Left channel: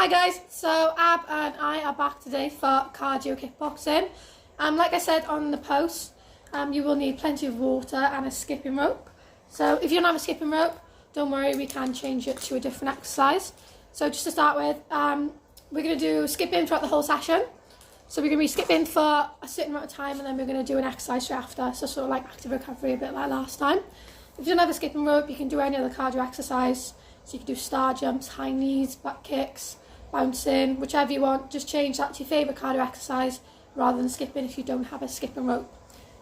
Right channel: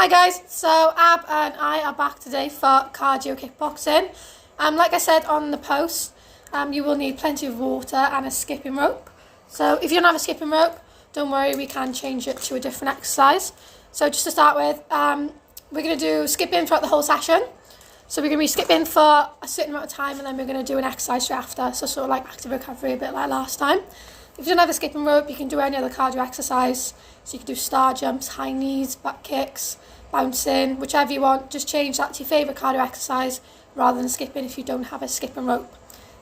Hi guys, so Ab and I are back today for cardio kickboxing. Like I said on the post, you will need plenty of water and a skipping rope. So if you don't have a skipping rope, don't worry, we can change it to a different exercise. So just to start with, we're going to do skipping throughout the whole session. So we're going to be skipping for a certain amount of time and then we're going to do an exercise straight after. So sort of like active recovery, a bit like last time. If you don't have a skipping rope, you can do any other cardio exercise. So you can do star jumps, high knees, back kicks, bouncing, whichever you want. Just change that to your favourite cardio exercise rather than skipping if you don't have a skipping rope.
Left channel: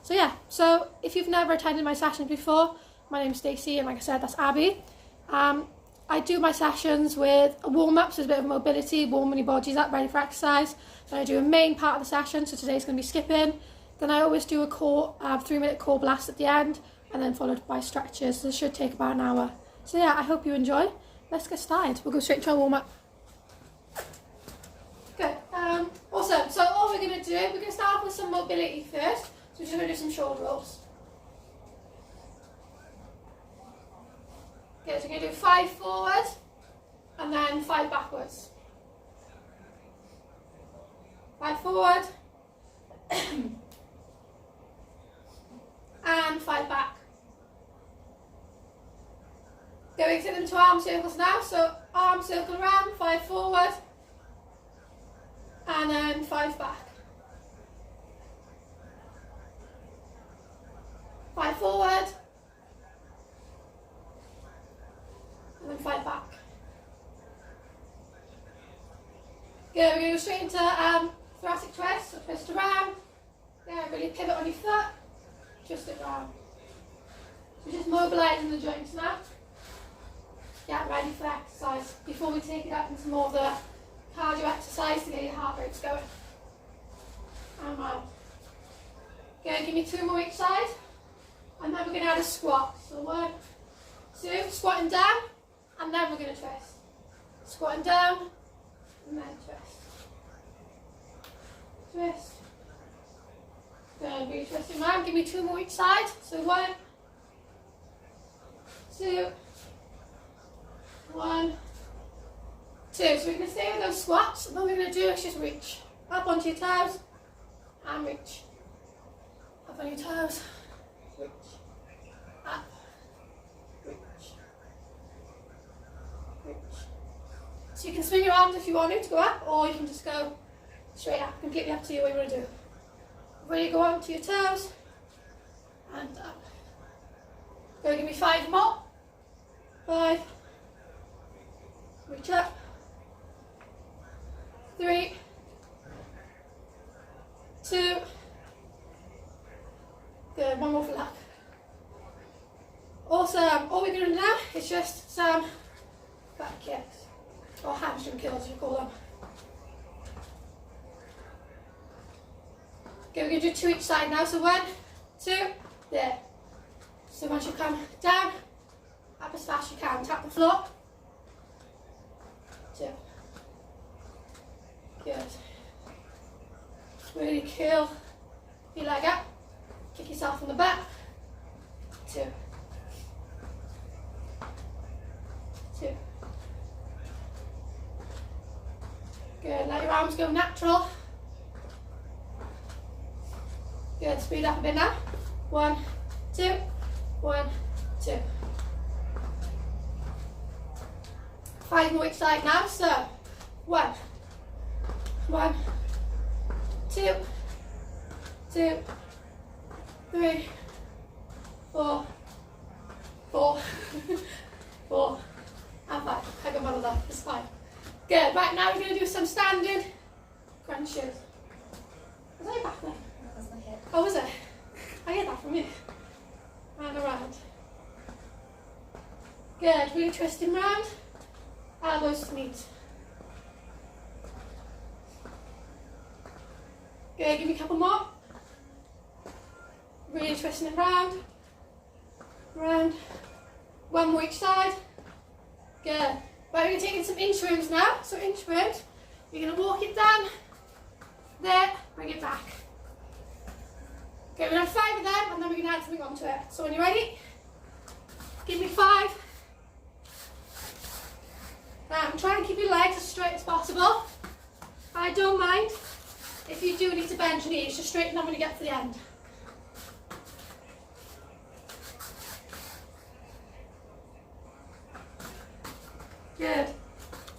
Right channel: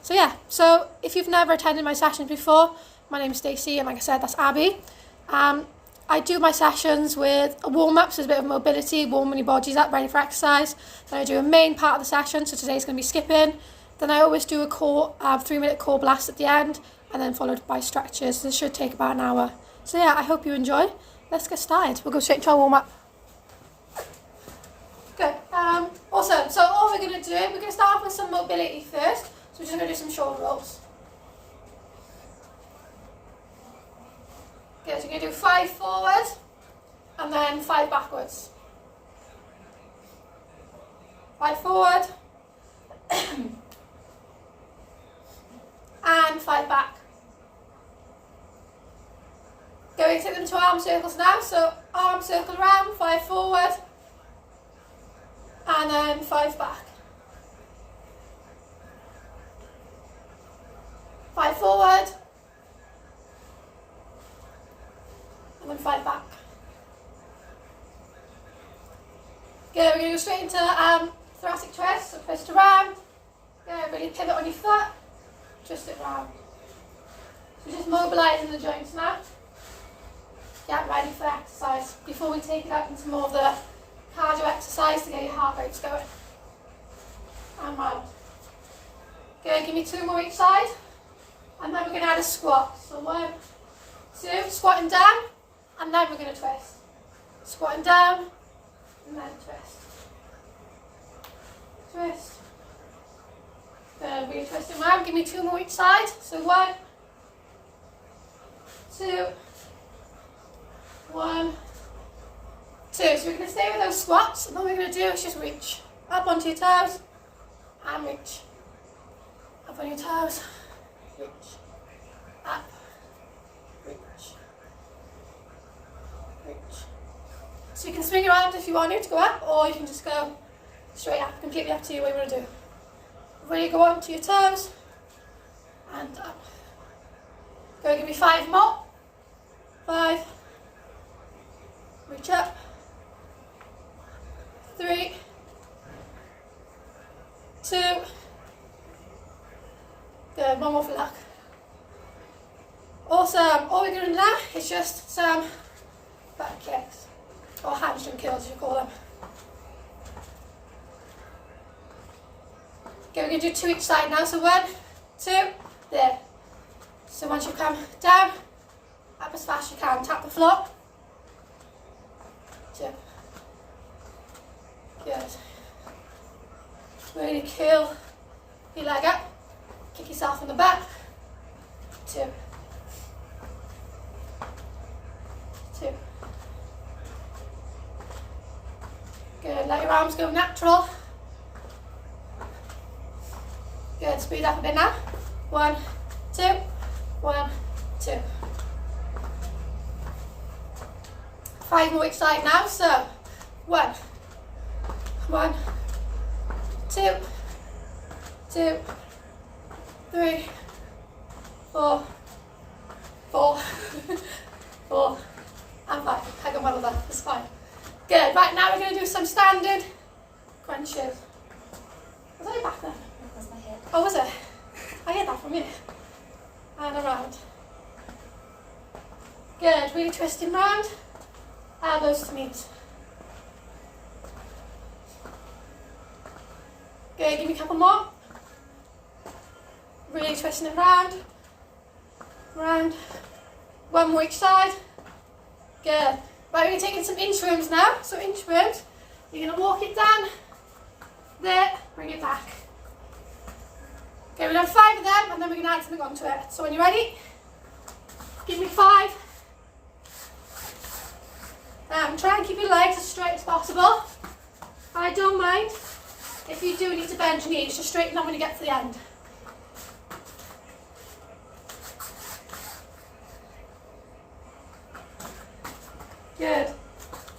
So yeah, so if you've never attended my sessions before, my name's Stacey and like I said, that's Abby. I do my sessions with a warm-up, so there's a bit of mobility, warming your bodies up, ready for exercise. Then I do a main part of the session, so today's going to be skipping. Then I always do a core, 3-minute core blast at the end, and then followed by stretches. This should take about an hour. So yeah, I hope you enjoy. Let's get started. We'll go straight to our warm-up. Good. Awesome. So all we're going to do, we're going to start off with some mobility first. So we're just going to do some shoulder rolls. Good. So you're going to do 5 forward and then 5 backwards. 5 forward and 5 back. Going to take them to arm circles now. So arm circle around, 5 forward and then 5 back. 5 forward and then 5 back. Good, we're going to go straight into thoracic twist, so twist around. Good, really pivot on your foot, twist it round. So just mobilising the joints now. Get ready for exercise before we take it up into more of the cardio exercise to get your heart rates going. And round. Okay, give me 2 more each side. And then we're going to add a squat. So 1, 2, squatting down, and then we're going to twist. Squatting down, and then twist. Twist. Good, we're twisting around. Give me 2 more each side. So 1, 2, 1, 2. So we're going to stay with those squats, and all we're going to do is just reach up onto your toes and reach. Up on your toes, reach. Up, reach. Reach. So you can swing around if you want to go up, or you can just go straight up. Completely up to you what you want to do. Really go onto your toes and up. Go, give me 5 more. 5. Reach up. 3, 2. Good, 1 more for luck. Awesome. All we're going to do now is just some back kicks, or hamstring curls as you call them. Okay, we're going to do 2 each side now. So 1, 2, there. So once you come down, up as fast as you can, tap the floor. 2. Good. Really curl your leg up. Kick yourself in the back. 2. 2. Good. Let your arms go natural. Good. Speed up a bit now. 1, 2. 1, 2. 5 more each side now. So 1, 1, 2, 2, 3, 4, 4, 4, and 5. I got one of that. It's fine. Good. Right, now we're going to do some standard crunches. Was I back then? That was my hip. Oh, was it? I get that from you. And around. Good. Really twisting round. Elbows to knees. Good. Give me a couple more. Really twisting it round. Round. 1 more each side. Good. Right, we're going to take in some inchworms now. So inchworms, you're going to walk it down. There. Bring it back. Okay, we're going to have 5 of them and then we're going to add something onto it. So when you're ready, give me 5. Try and keep your legs as straight as possible. I don't mind if you do need to bend your knees, just straighten them when you get to the end. Good.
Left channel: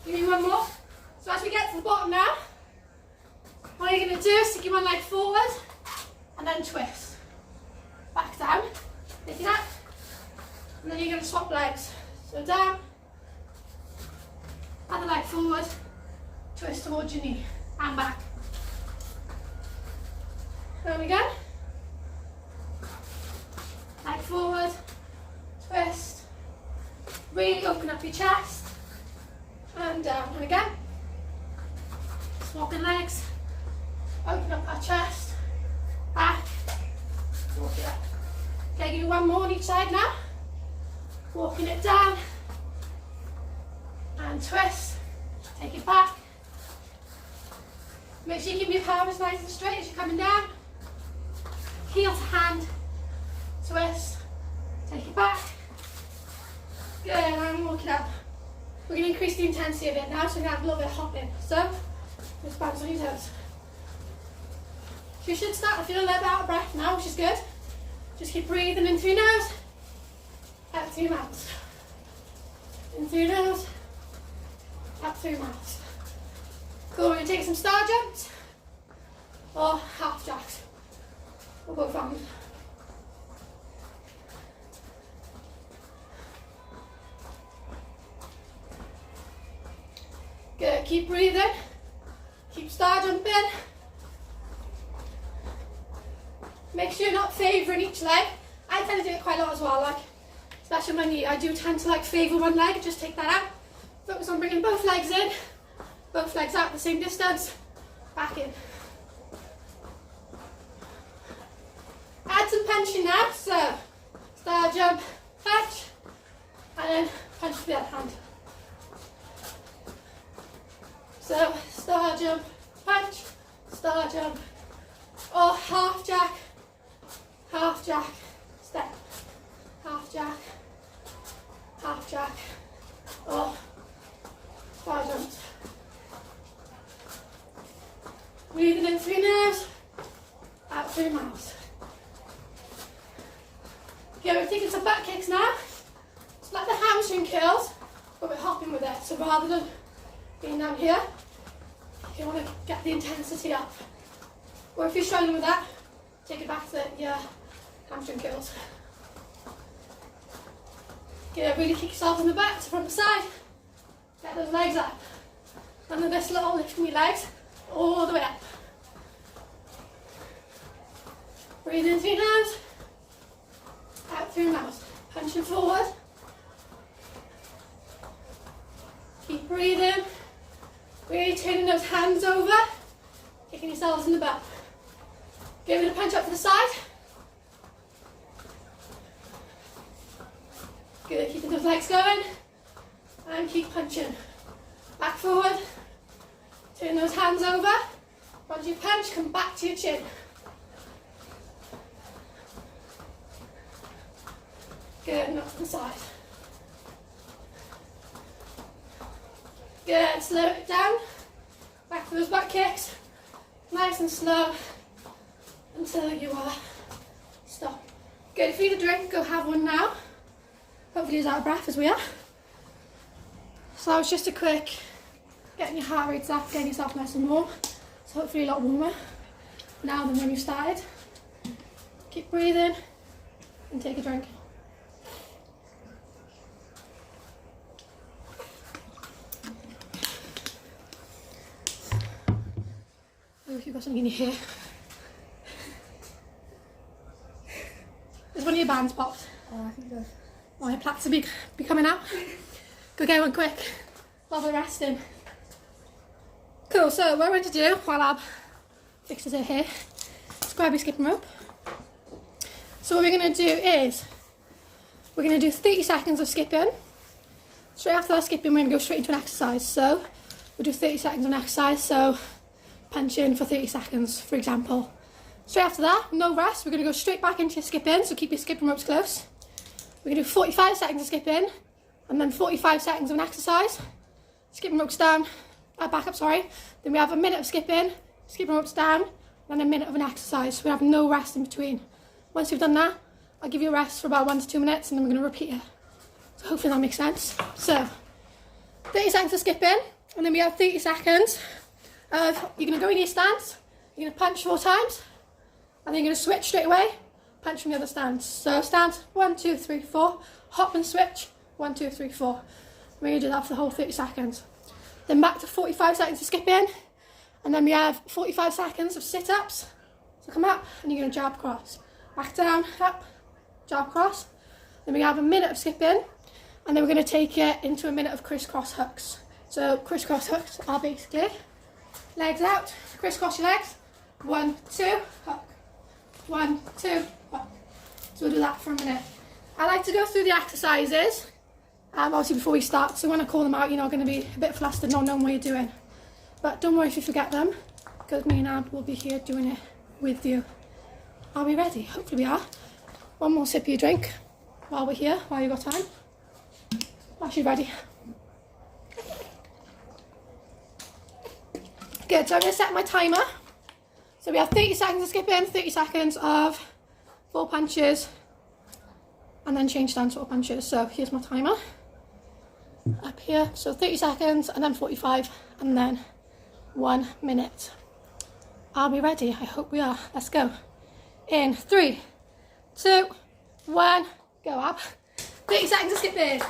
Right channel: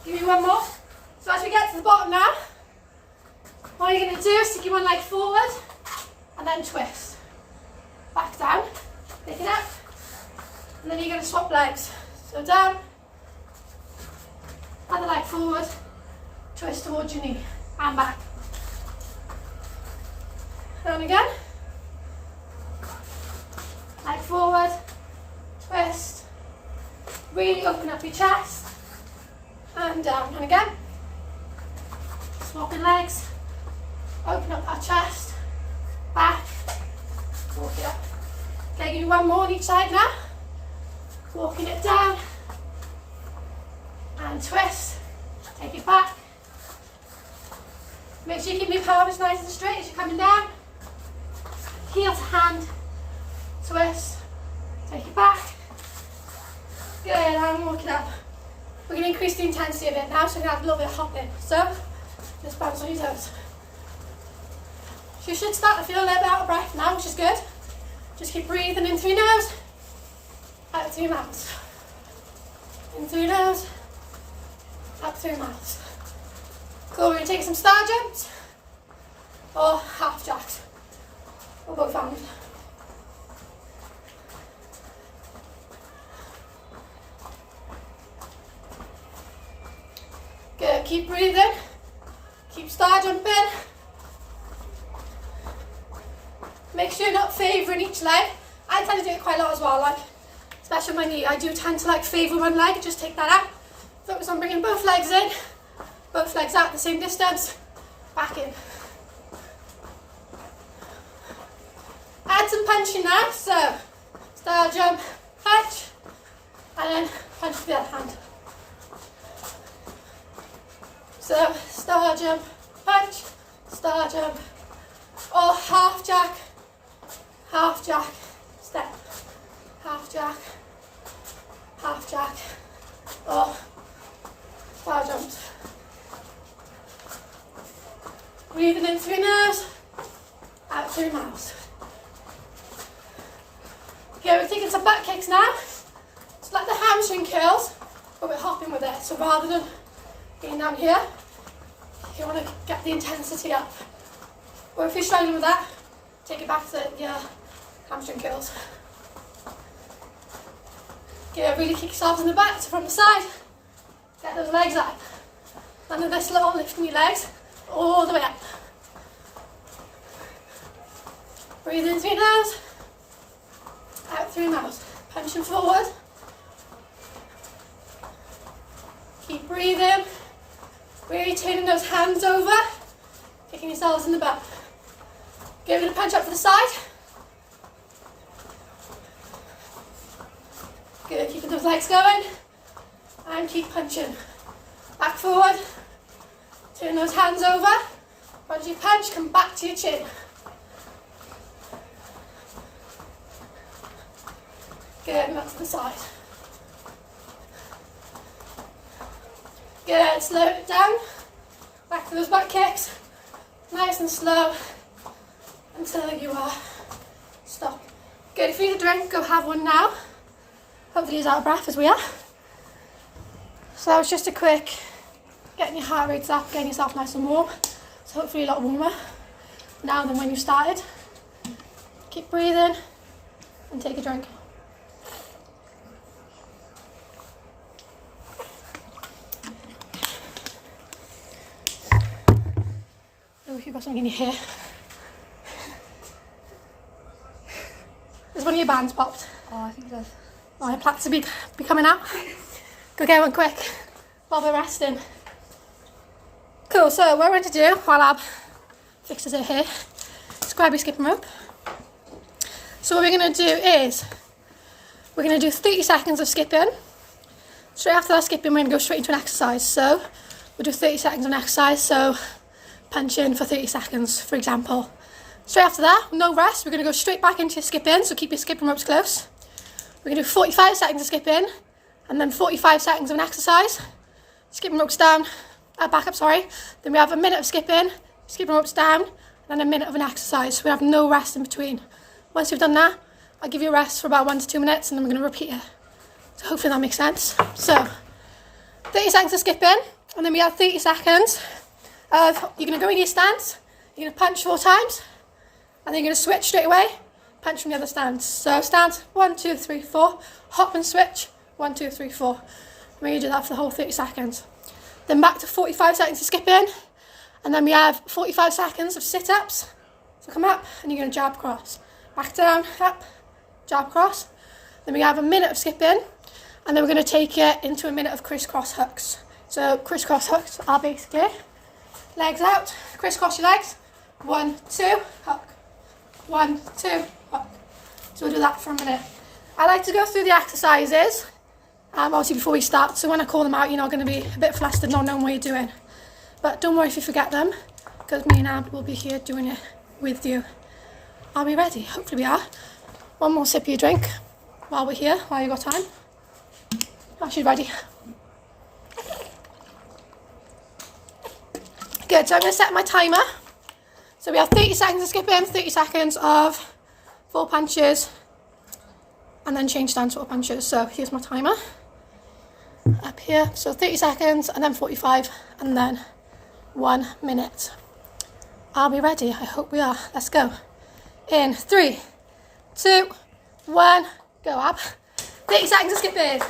Give me one more. So as we get to the bottom now, what you're going to do is stick your one leg forward and then twist. Back down, pick it up, and then you're going to swap legs. So down, other leg forward, twist towards your knee, and back. And again, leg forward, twist, really open up your chest, and down, and again, swapping legs, open up that chest, back, walk it up. Okay, give me one more on each side now. Walking it down, and twist, take it back. Make sure you keep your pelvis nice and straight as you're coming down. Heel to hand, twist, take it back. Good, and walk it up. We're going to increase the intensity of it now, so we're going to have a little bit of hopping. So, just bounce on your toes. You should start to feel a little bit out of breath now, which is good. Just keep breathing in through your nose, out through your mouth. In through your nose, out through your mouth. Cool, we're going to take some star jumps or half jacks. Or both arms. Good, keep breathing. Keep star jumping. Make sure you're not favouring each leg. I tend to do it quite a lot as well, like, especially my knee. I do tend to like favour one leg and just take that out. Focus on bringing both legs in, both legs out the same distance, back in. Add some punching now, so star jump, punch, and then punch with the other hand. So star jump, punch, star jump, or half jack, step, half jack, or star jumps. Breathing in through your nose, out through your mouth. Okay, we're taking some back kicks now. It's like the hamstring curls, but we're hopping with it. So rather than being down here, you want to get the intensity up. Or if you're struggling with that, take it back to your hamstring curls. Okay, really kick yourself in the back, so from the side, get those legs up. None of this little lifting your legs all the way up. Breathe in through your nose, out through your mouth. Punching forward. Keep breathing. Really turning those hands over, kicking yourselves in the butt. Give it a punch up to the side. Good, keeping those legs going. And keep punching. Back forward. Turn those hands over. Once you punch, come back to your chin. Good, and up to the side. Good, slow it down. Back to those back kicks. Nice and slow until you are stopped. Good, if you need a drink, go have one now. Hopefully you're out of breath as we are. So it's just a quick getting your heart rates up, getting yourself nice and warm. So hopefully a lot warmer now than when you started. Keep breathing and take a drink. Oh, if you've got something in your hair. Has one of your bands popped? Oh, I think it does. Oh, your plaits will be coming out. Go get one quick while we're resting. Cool, so what we're going to do while Ab fixes her hair is grab your skipping rope. So what we're going to do is we're going to do 30 seconds of skipping. Straight after that skipping, we're going to go straight into an exercise. So we'll do 30 seconds of an exercise. So punch in for 30 seconds, for example. Straight after that, no rest, we're going to go straight back into your skipping, so keep your skipping ropes close. We're going to do 45 seconds of skipping, and then 45 seconds of an exercise. skipping ropes down, back up, sorry. Then we have a minute of skipping ropes down, and then a minute of an exercise. So we have no rest in between. Once you've done that, I'll give you a rest for about 1 to 2 minutes, and then we're going to repeat it. So hopefully that makes sense. So 30 seconds of skipping, and then we have 30 seconds of, you're going to go in your stance, you're going to punch 4 times, and then you're going to switch straight away, punch from the other stance. So stance, 1, 2, 3, 4, hop and switch, 1, 2, 3, 4. And we're going to do that for the whole 30 seconds. Then back to 45 seconds of skipping, and then we have 45 seconds of sit-ups. So come up, and you're going to jab cross. Back down, up, jab cross. Then we have a minute of skipping, and then we're going to take it into a minute of crisscross hooks. So crisscross hooks are basically legs out, crisscross your legs, 1, 2, hook, 1, 2, hook. So we'll do that for a minute. I like to go through the exercises, obviously before we start, so when I call them out, you're not going to be a bit flustered not knowing what you're doing. But don't worry if you forget them, because me and Ab will be here doing it with you. Are we ready? Hopefully we are. One more sip of your drink while we're here, while you've got time. Actually ready. Good, so I'm going to set my timer. So we have 30 seconds of skipping, 30 seconds of 4 punches, and then change stance 4 punches. So here's my timer. Up here, so 30 seconds, and then 45, and then 1 minute. Are we ready? I hope we are. Let's go. In 3, 2, 1, go Ab. 30 seconds of skipping.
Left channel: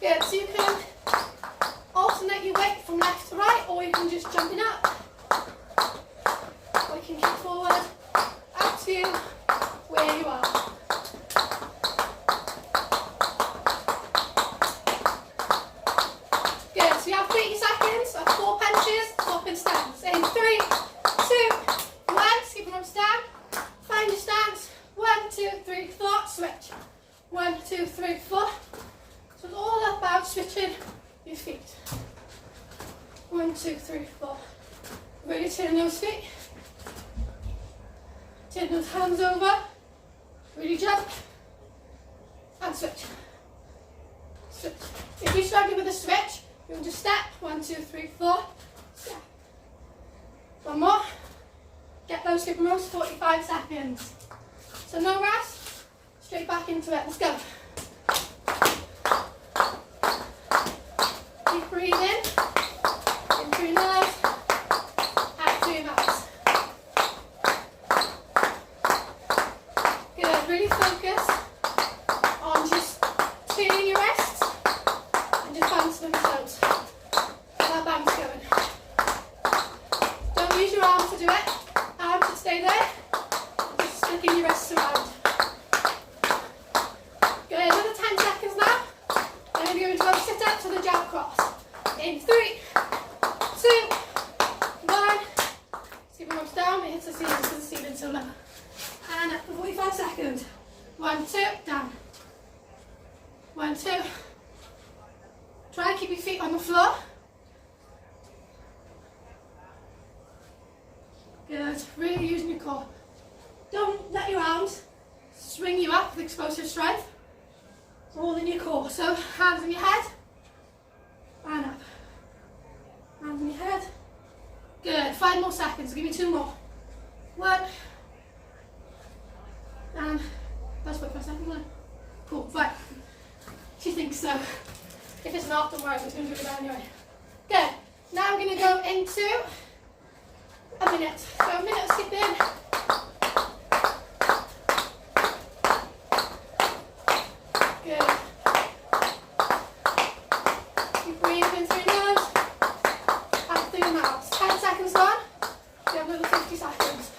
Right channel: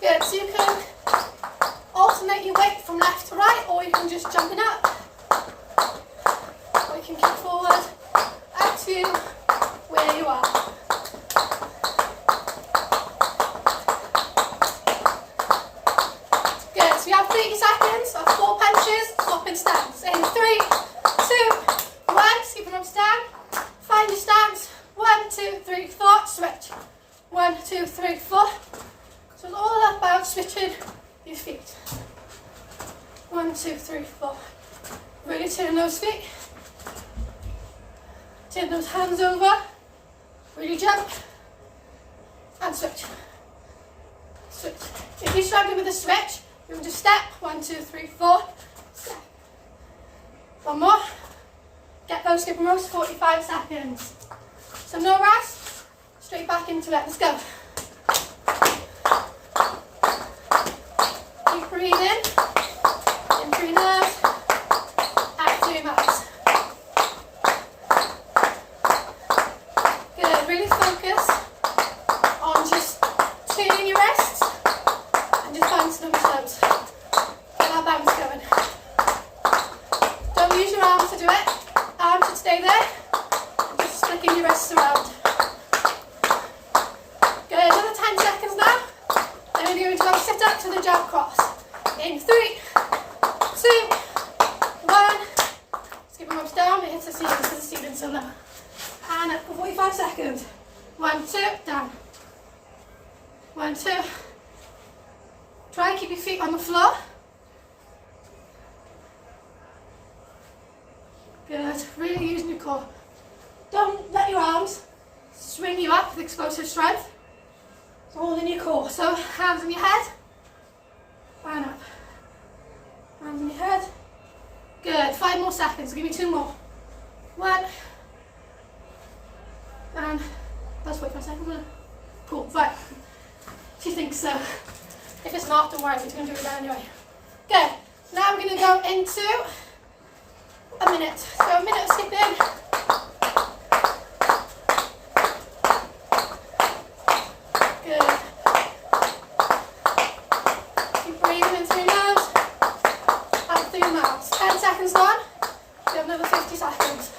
Good, so you can alternate your weight from left to right, or you can just jump it up. Or you can kick forward, up to where you are. Good, so you have 30 seconds of 4 punches, swapping stance. In 3, 2, 1, skipping ropes down. Find your stance. 1, 2, 3, 4, switch. 1, 2, 3, 4. So it's all about switching your feet. 1, 2, 3, 4. Really turn those feet. Turn those hands over. Really jump. And switch. Switch. If you're struggling with the switch, you can just step. 1, 2, 3, 4. Step. One more. Get those skipping ropes, 45 seconds. So no rest. Straight back into it. Let's go. Keep breathing. In through your nose. Out through your mouth. Good. Really focus on just turning your wrists and just bouncing them toes. Get that bounce going. Don't use your arms to do it. Arms should stay there. And just flicking your wrists around. Good. Another 10 seconds now. Then we're going to go sit up to the jab cross. In 3, 2, 1. Skipping ropes down, it hits the ceiling, to the ceiling, so low. And up for 45 seconds. 1, 2, down. 1, 2. Try and keep your feet on the floor. Good. Really using your core. Don't let your arms swing you up with explosive strength. It's all in your core. So hands on your head. And up. Hands on your head. Good. 5 more seconds. I'll give you 2 more. 1. And that's 45 seconds, isn't it? Cool. Right. She thinks so. If it's not, don't worry. We're just going to do it anyway. Good. Now we're going to go into a minute. So a minute of skipping. Good. Keep breathing in through your nose. Out through your mouth. 10 seconds on. We have another 50 seconds.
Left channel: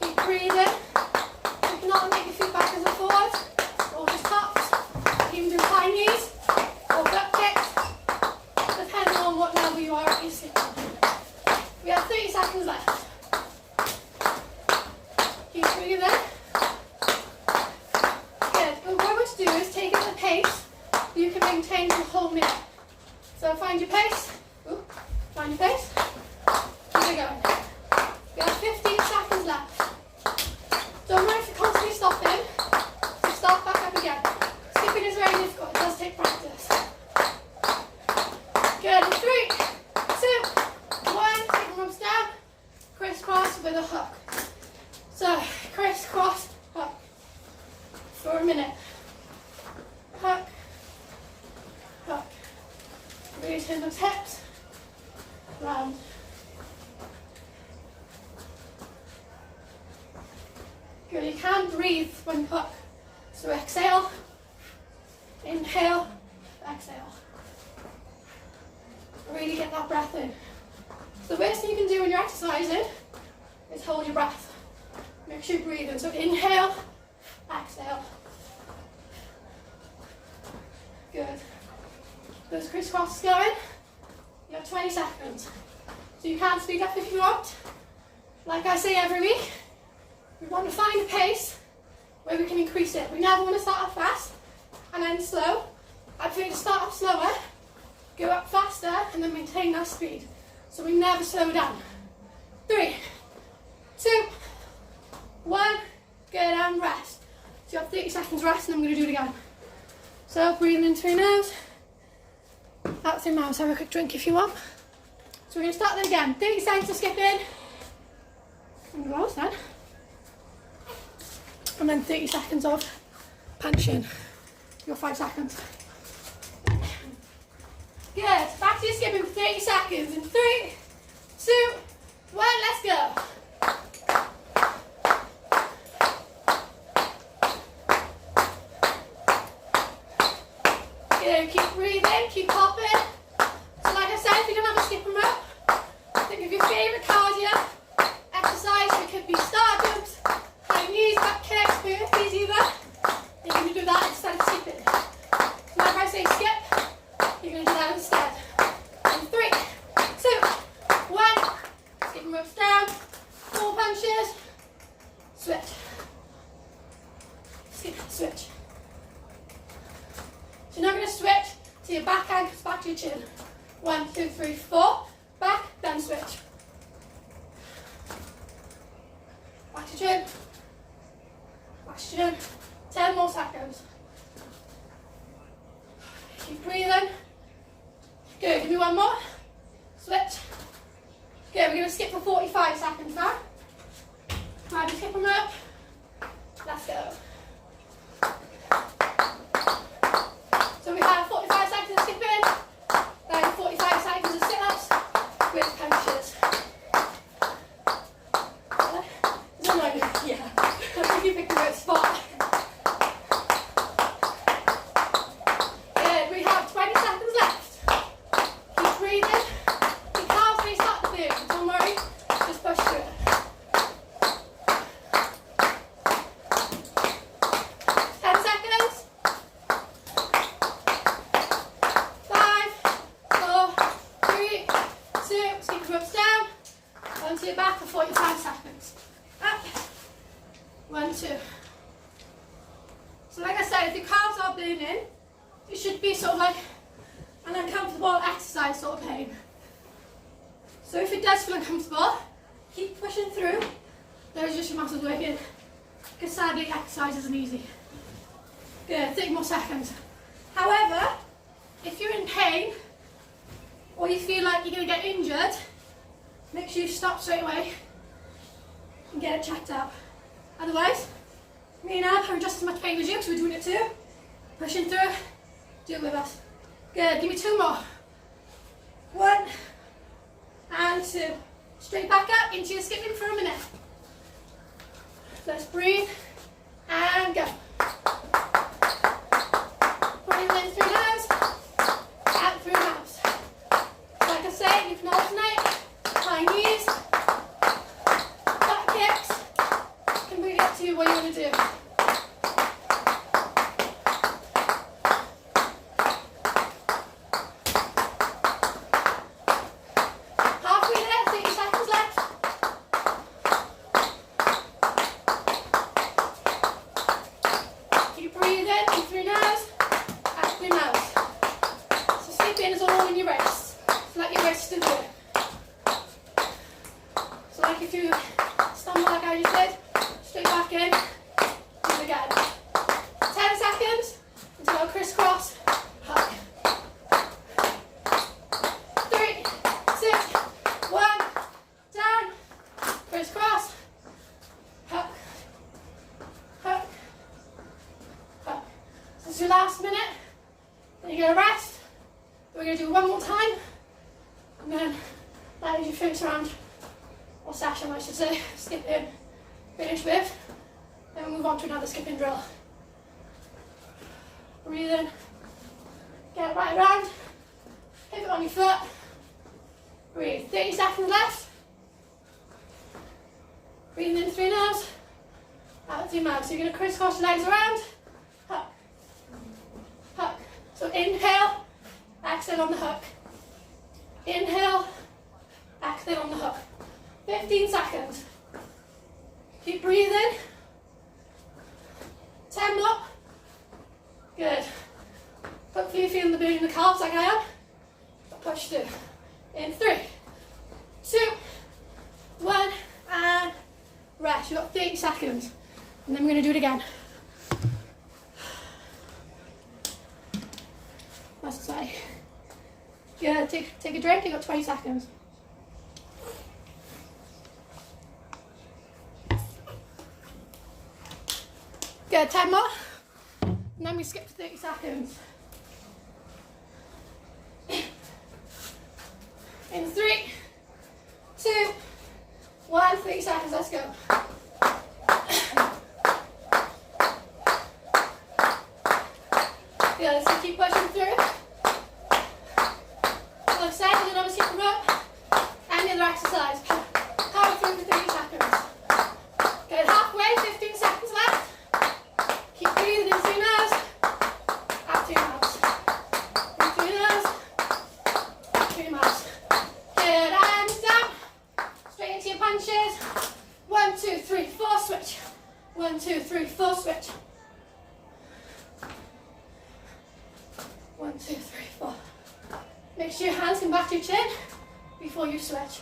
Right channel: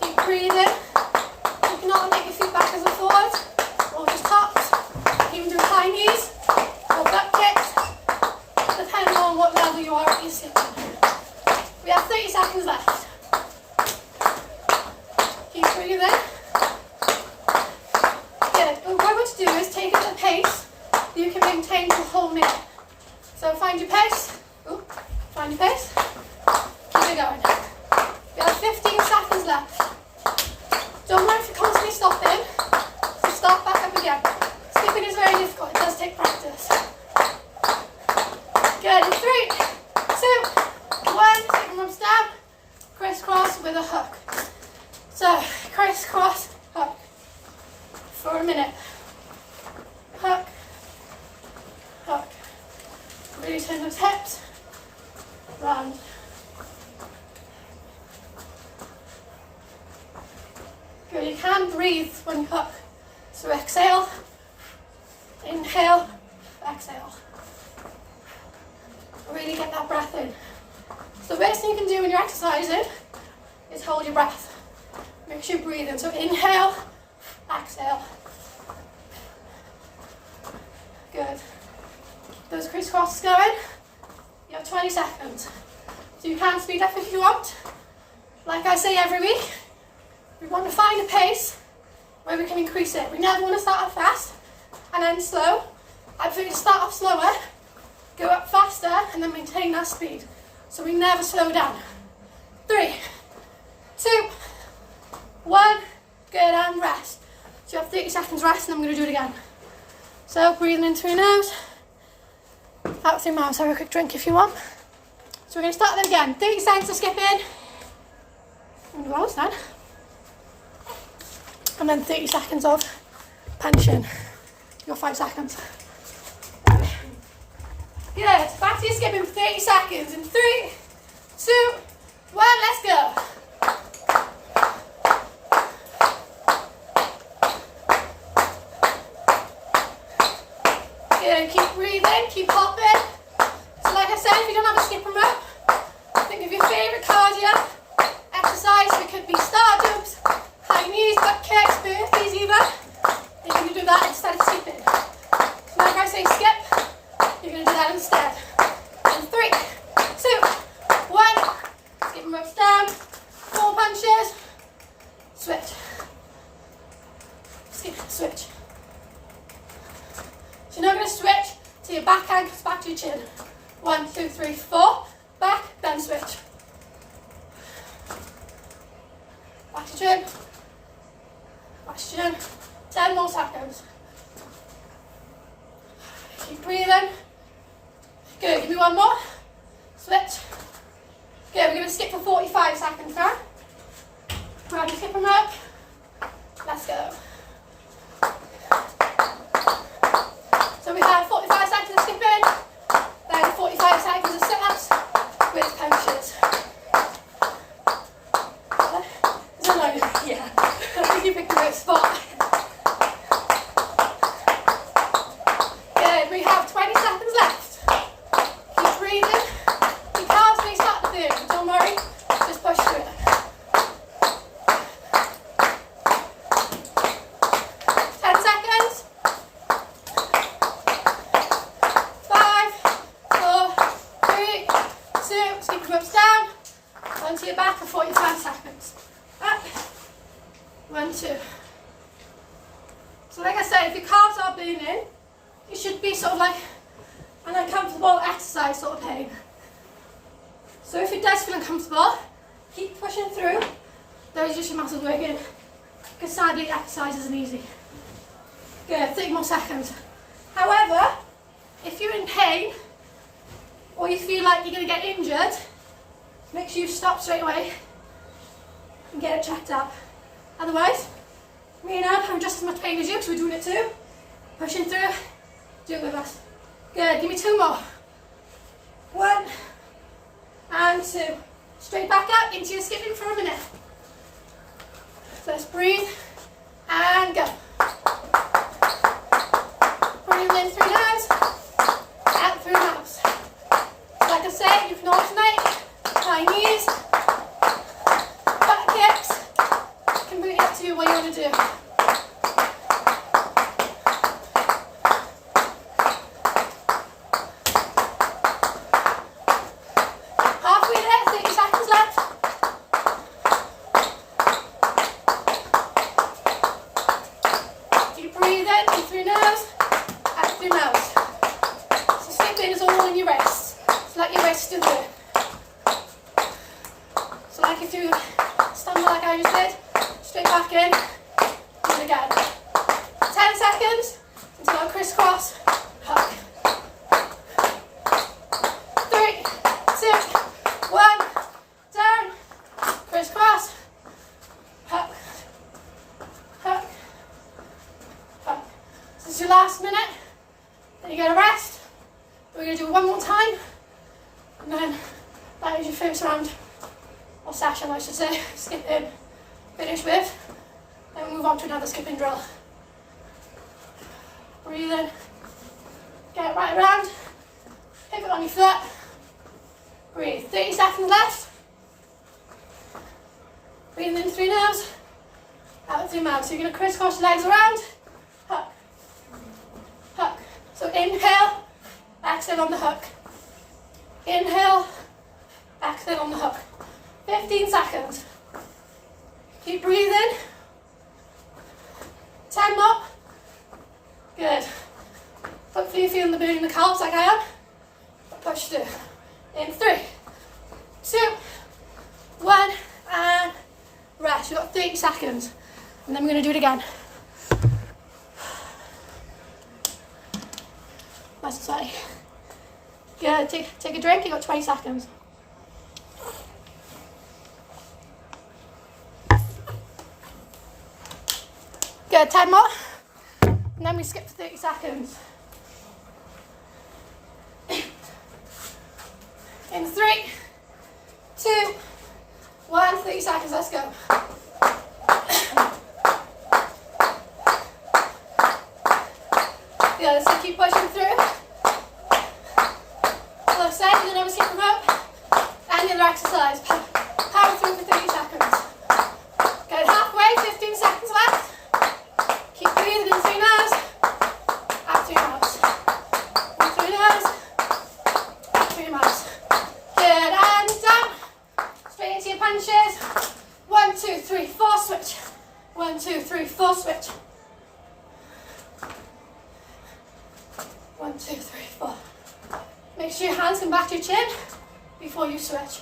Keep breathing. You can either make your feet backwards and forwards, or just tops. You can do high knees or butt kicks, depending on what level you are at your sitting. We have 30 seconds left. Keep breathing. Good. And what I want to do is take it at a pace that you can maintain for the whole minute. So find your pace. Ooh, find your pace. Keep it going. We have 15 seconds left. Don't mind if you're constantly stopping. So start back up again. Skipping is very difficult. It does take practice. Good. In 3, 2, 1. Skipping ropes down. Crisscross with a hook. So crisscross hook for a minute. Hook. Hook. Really turn those hips. Round. Good. You can breathe when you hook. So exhale, inhale, exhale. Really get that breath in. So the worst thing you can do when you're exercising is hold your breath. Make sure you breathe in. So inhale, exhale. Good. Those crisscrosses going. You have 20 seconds. So you can speed up if you want. Like I say every week, we want to find a pace where we can increase it. We never want to start off fast and end slow. I prefer to start off slower, go up faster, and then maintain that speed. So we never slow down. 3, 2, 1. Good, and rest. So you have 30 seconds rest, and I'm going to do it again. So breathing in through your nose, out through your mouth. So have a quick drink if you want. So we're going to start that again. 30 seconds to skip in. And go then. And then 30 seconds of pension. You got 5 seconds. Good. Back to your skipping for 30 seconds. In 3, 2, 1. Let's go. Good. Keep breathing. Keep hopping. So like I said, if you don't have a skipping rope, think of your favourite cardio exercise. So it could be star jumps, high knees, butt kicks, burpees even. You're going to do that instead of skipping. So like I say skip, you're going to do that instead. In 3, 2, 1. Skipping ropes down. 4 punches. Switch. Skip, switch. So you're not going to switch till your back hand comes back to your chin. 1, 2, 3, 4. Back, then switch. Back to chin. Back to chin. 10 more seconds. Keep breathing. Good, give me one more. Switch. Good, we're going to skip for 45 seconds now. Grab your skipping rope. Let's go. So we have 45 seconds of skipping, then 45 seconds of sit-ups with punches. Is that like, yeah, I think you picked the right spot. Good, we have 20 seconds left. Keep breathing. Your calves may start to burn, but don't worry, just push through it. 10 seconds. 5, 4, 3, 2. Keep the ropes down. Onto your back for 45 seconds. Up. 1, 2. So like I said, if your calves are burning, it should be sort of like an uncomfortable exercise sort of pain. So if it does feel uncomfortable, keep pushing through. Those are just your muscles working. Because sadly, exercise isn't easy. Good, 30 more seconds. However, if you're in pain, or you feel like you're going to get injured, make sure you stop straight away and get it checked out. Otherwise, me and Ab are just as much pain as you because we're doing it too. Pushing through, do it with us. Good, give me 2 more. 1 and 2. Straight back up into your skipping for a minute. Let's breathe and go. Breathe in through nose, out through mouth. Like I said, you can alternate high knees, butt kicks. Completely up to you what you want to do. Halfway there, 30 seconds left. is your last minute. Then you're going to rest. We're going to do it one more time. And then that is your first round, or session I should say, skipping, finish with. Then we'll move on to another skipping drill. Breathe in, get it right around, pivot on your foot, breathe. 30 seconds left. Breathe in through your nose, out through your mouth. So you're going to crisscross your legs around, hook, hook. So inhale, exhale on the hook. Inhale, exhale on the hook. 15 seconds. Keep breathing. 10 more. Good. Hopefully you're feeling the burn in the calves like I am. Push through. In 3, 2, 1, and rest. You've got 30 seconds. And then we're going to do it again. That's exciting. Good. Take a drink. You've got 20 seconds. Good. 10 more. And then we skip for 30 seconds. In 3, 2, 1, 30 seconds, let's go. Good, so keep pushing through. So side, another skipping rope, and the other exercise. Power through for 30 seconds. Good, halfway, 15 seconds left. Keep breathing in through your nose, out through your mouth. In through your nose, out through your mouth. Good, and down. Straight into your punches. 1, 2, 3, 4, switch. 1, 2, 3, 4, switch. 1, 2, 3, 4. Make sure your hands come back to your chin before you switch.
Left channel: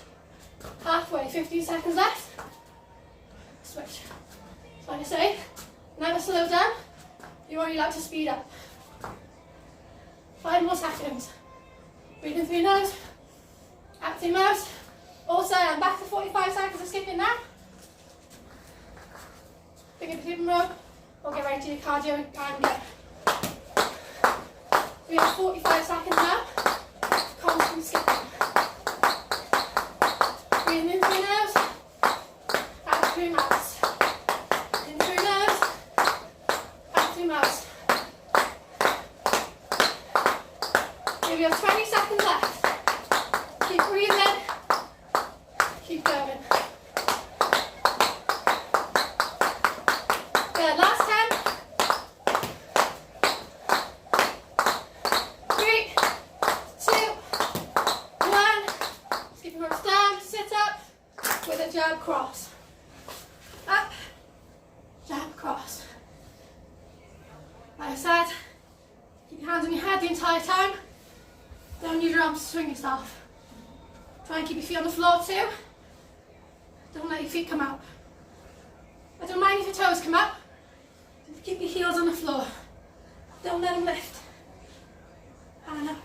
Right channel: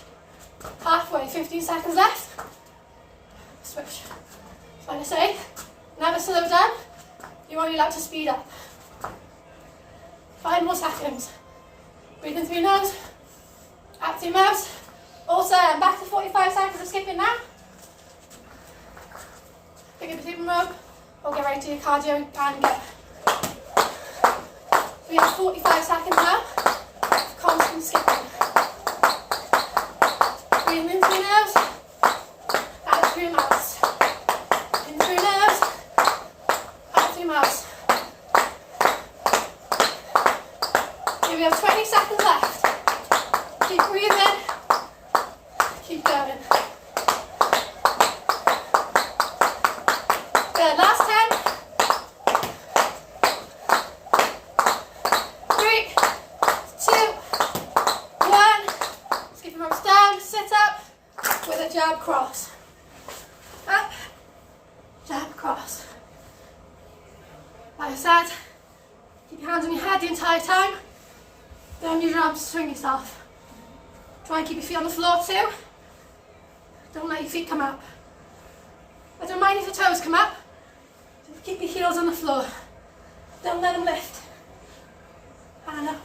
Halfway, 15 seconds left. Switch. So like I say, never slow down. You're only allowed to speed up. 5 more seconds. Breathe in through your nose, out through your mouth. Also, I'm back to 45 seconds of skipping now. Pick up a skipping rope, or get ready to your cardio and get. We have 45 seconds now of constant skipping. Breathing in through your nose, out through your mouth. In through your nose, out through your mouth. Okay, we have 20 seconds left. Keep breathing, keep going. Good, last 10. 3, 2, 1. Skipping ropes down, sit up with a jab cross. Up, jab cross. Like I said, keep your hands on your head the entire time. Don't use your arms to swing yourself. Try and keep your feet on the floor too. Don't let your feet come up. I don't mind if your toes come up. Just keep your heels on the floor. Don't let them lift. And up.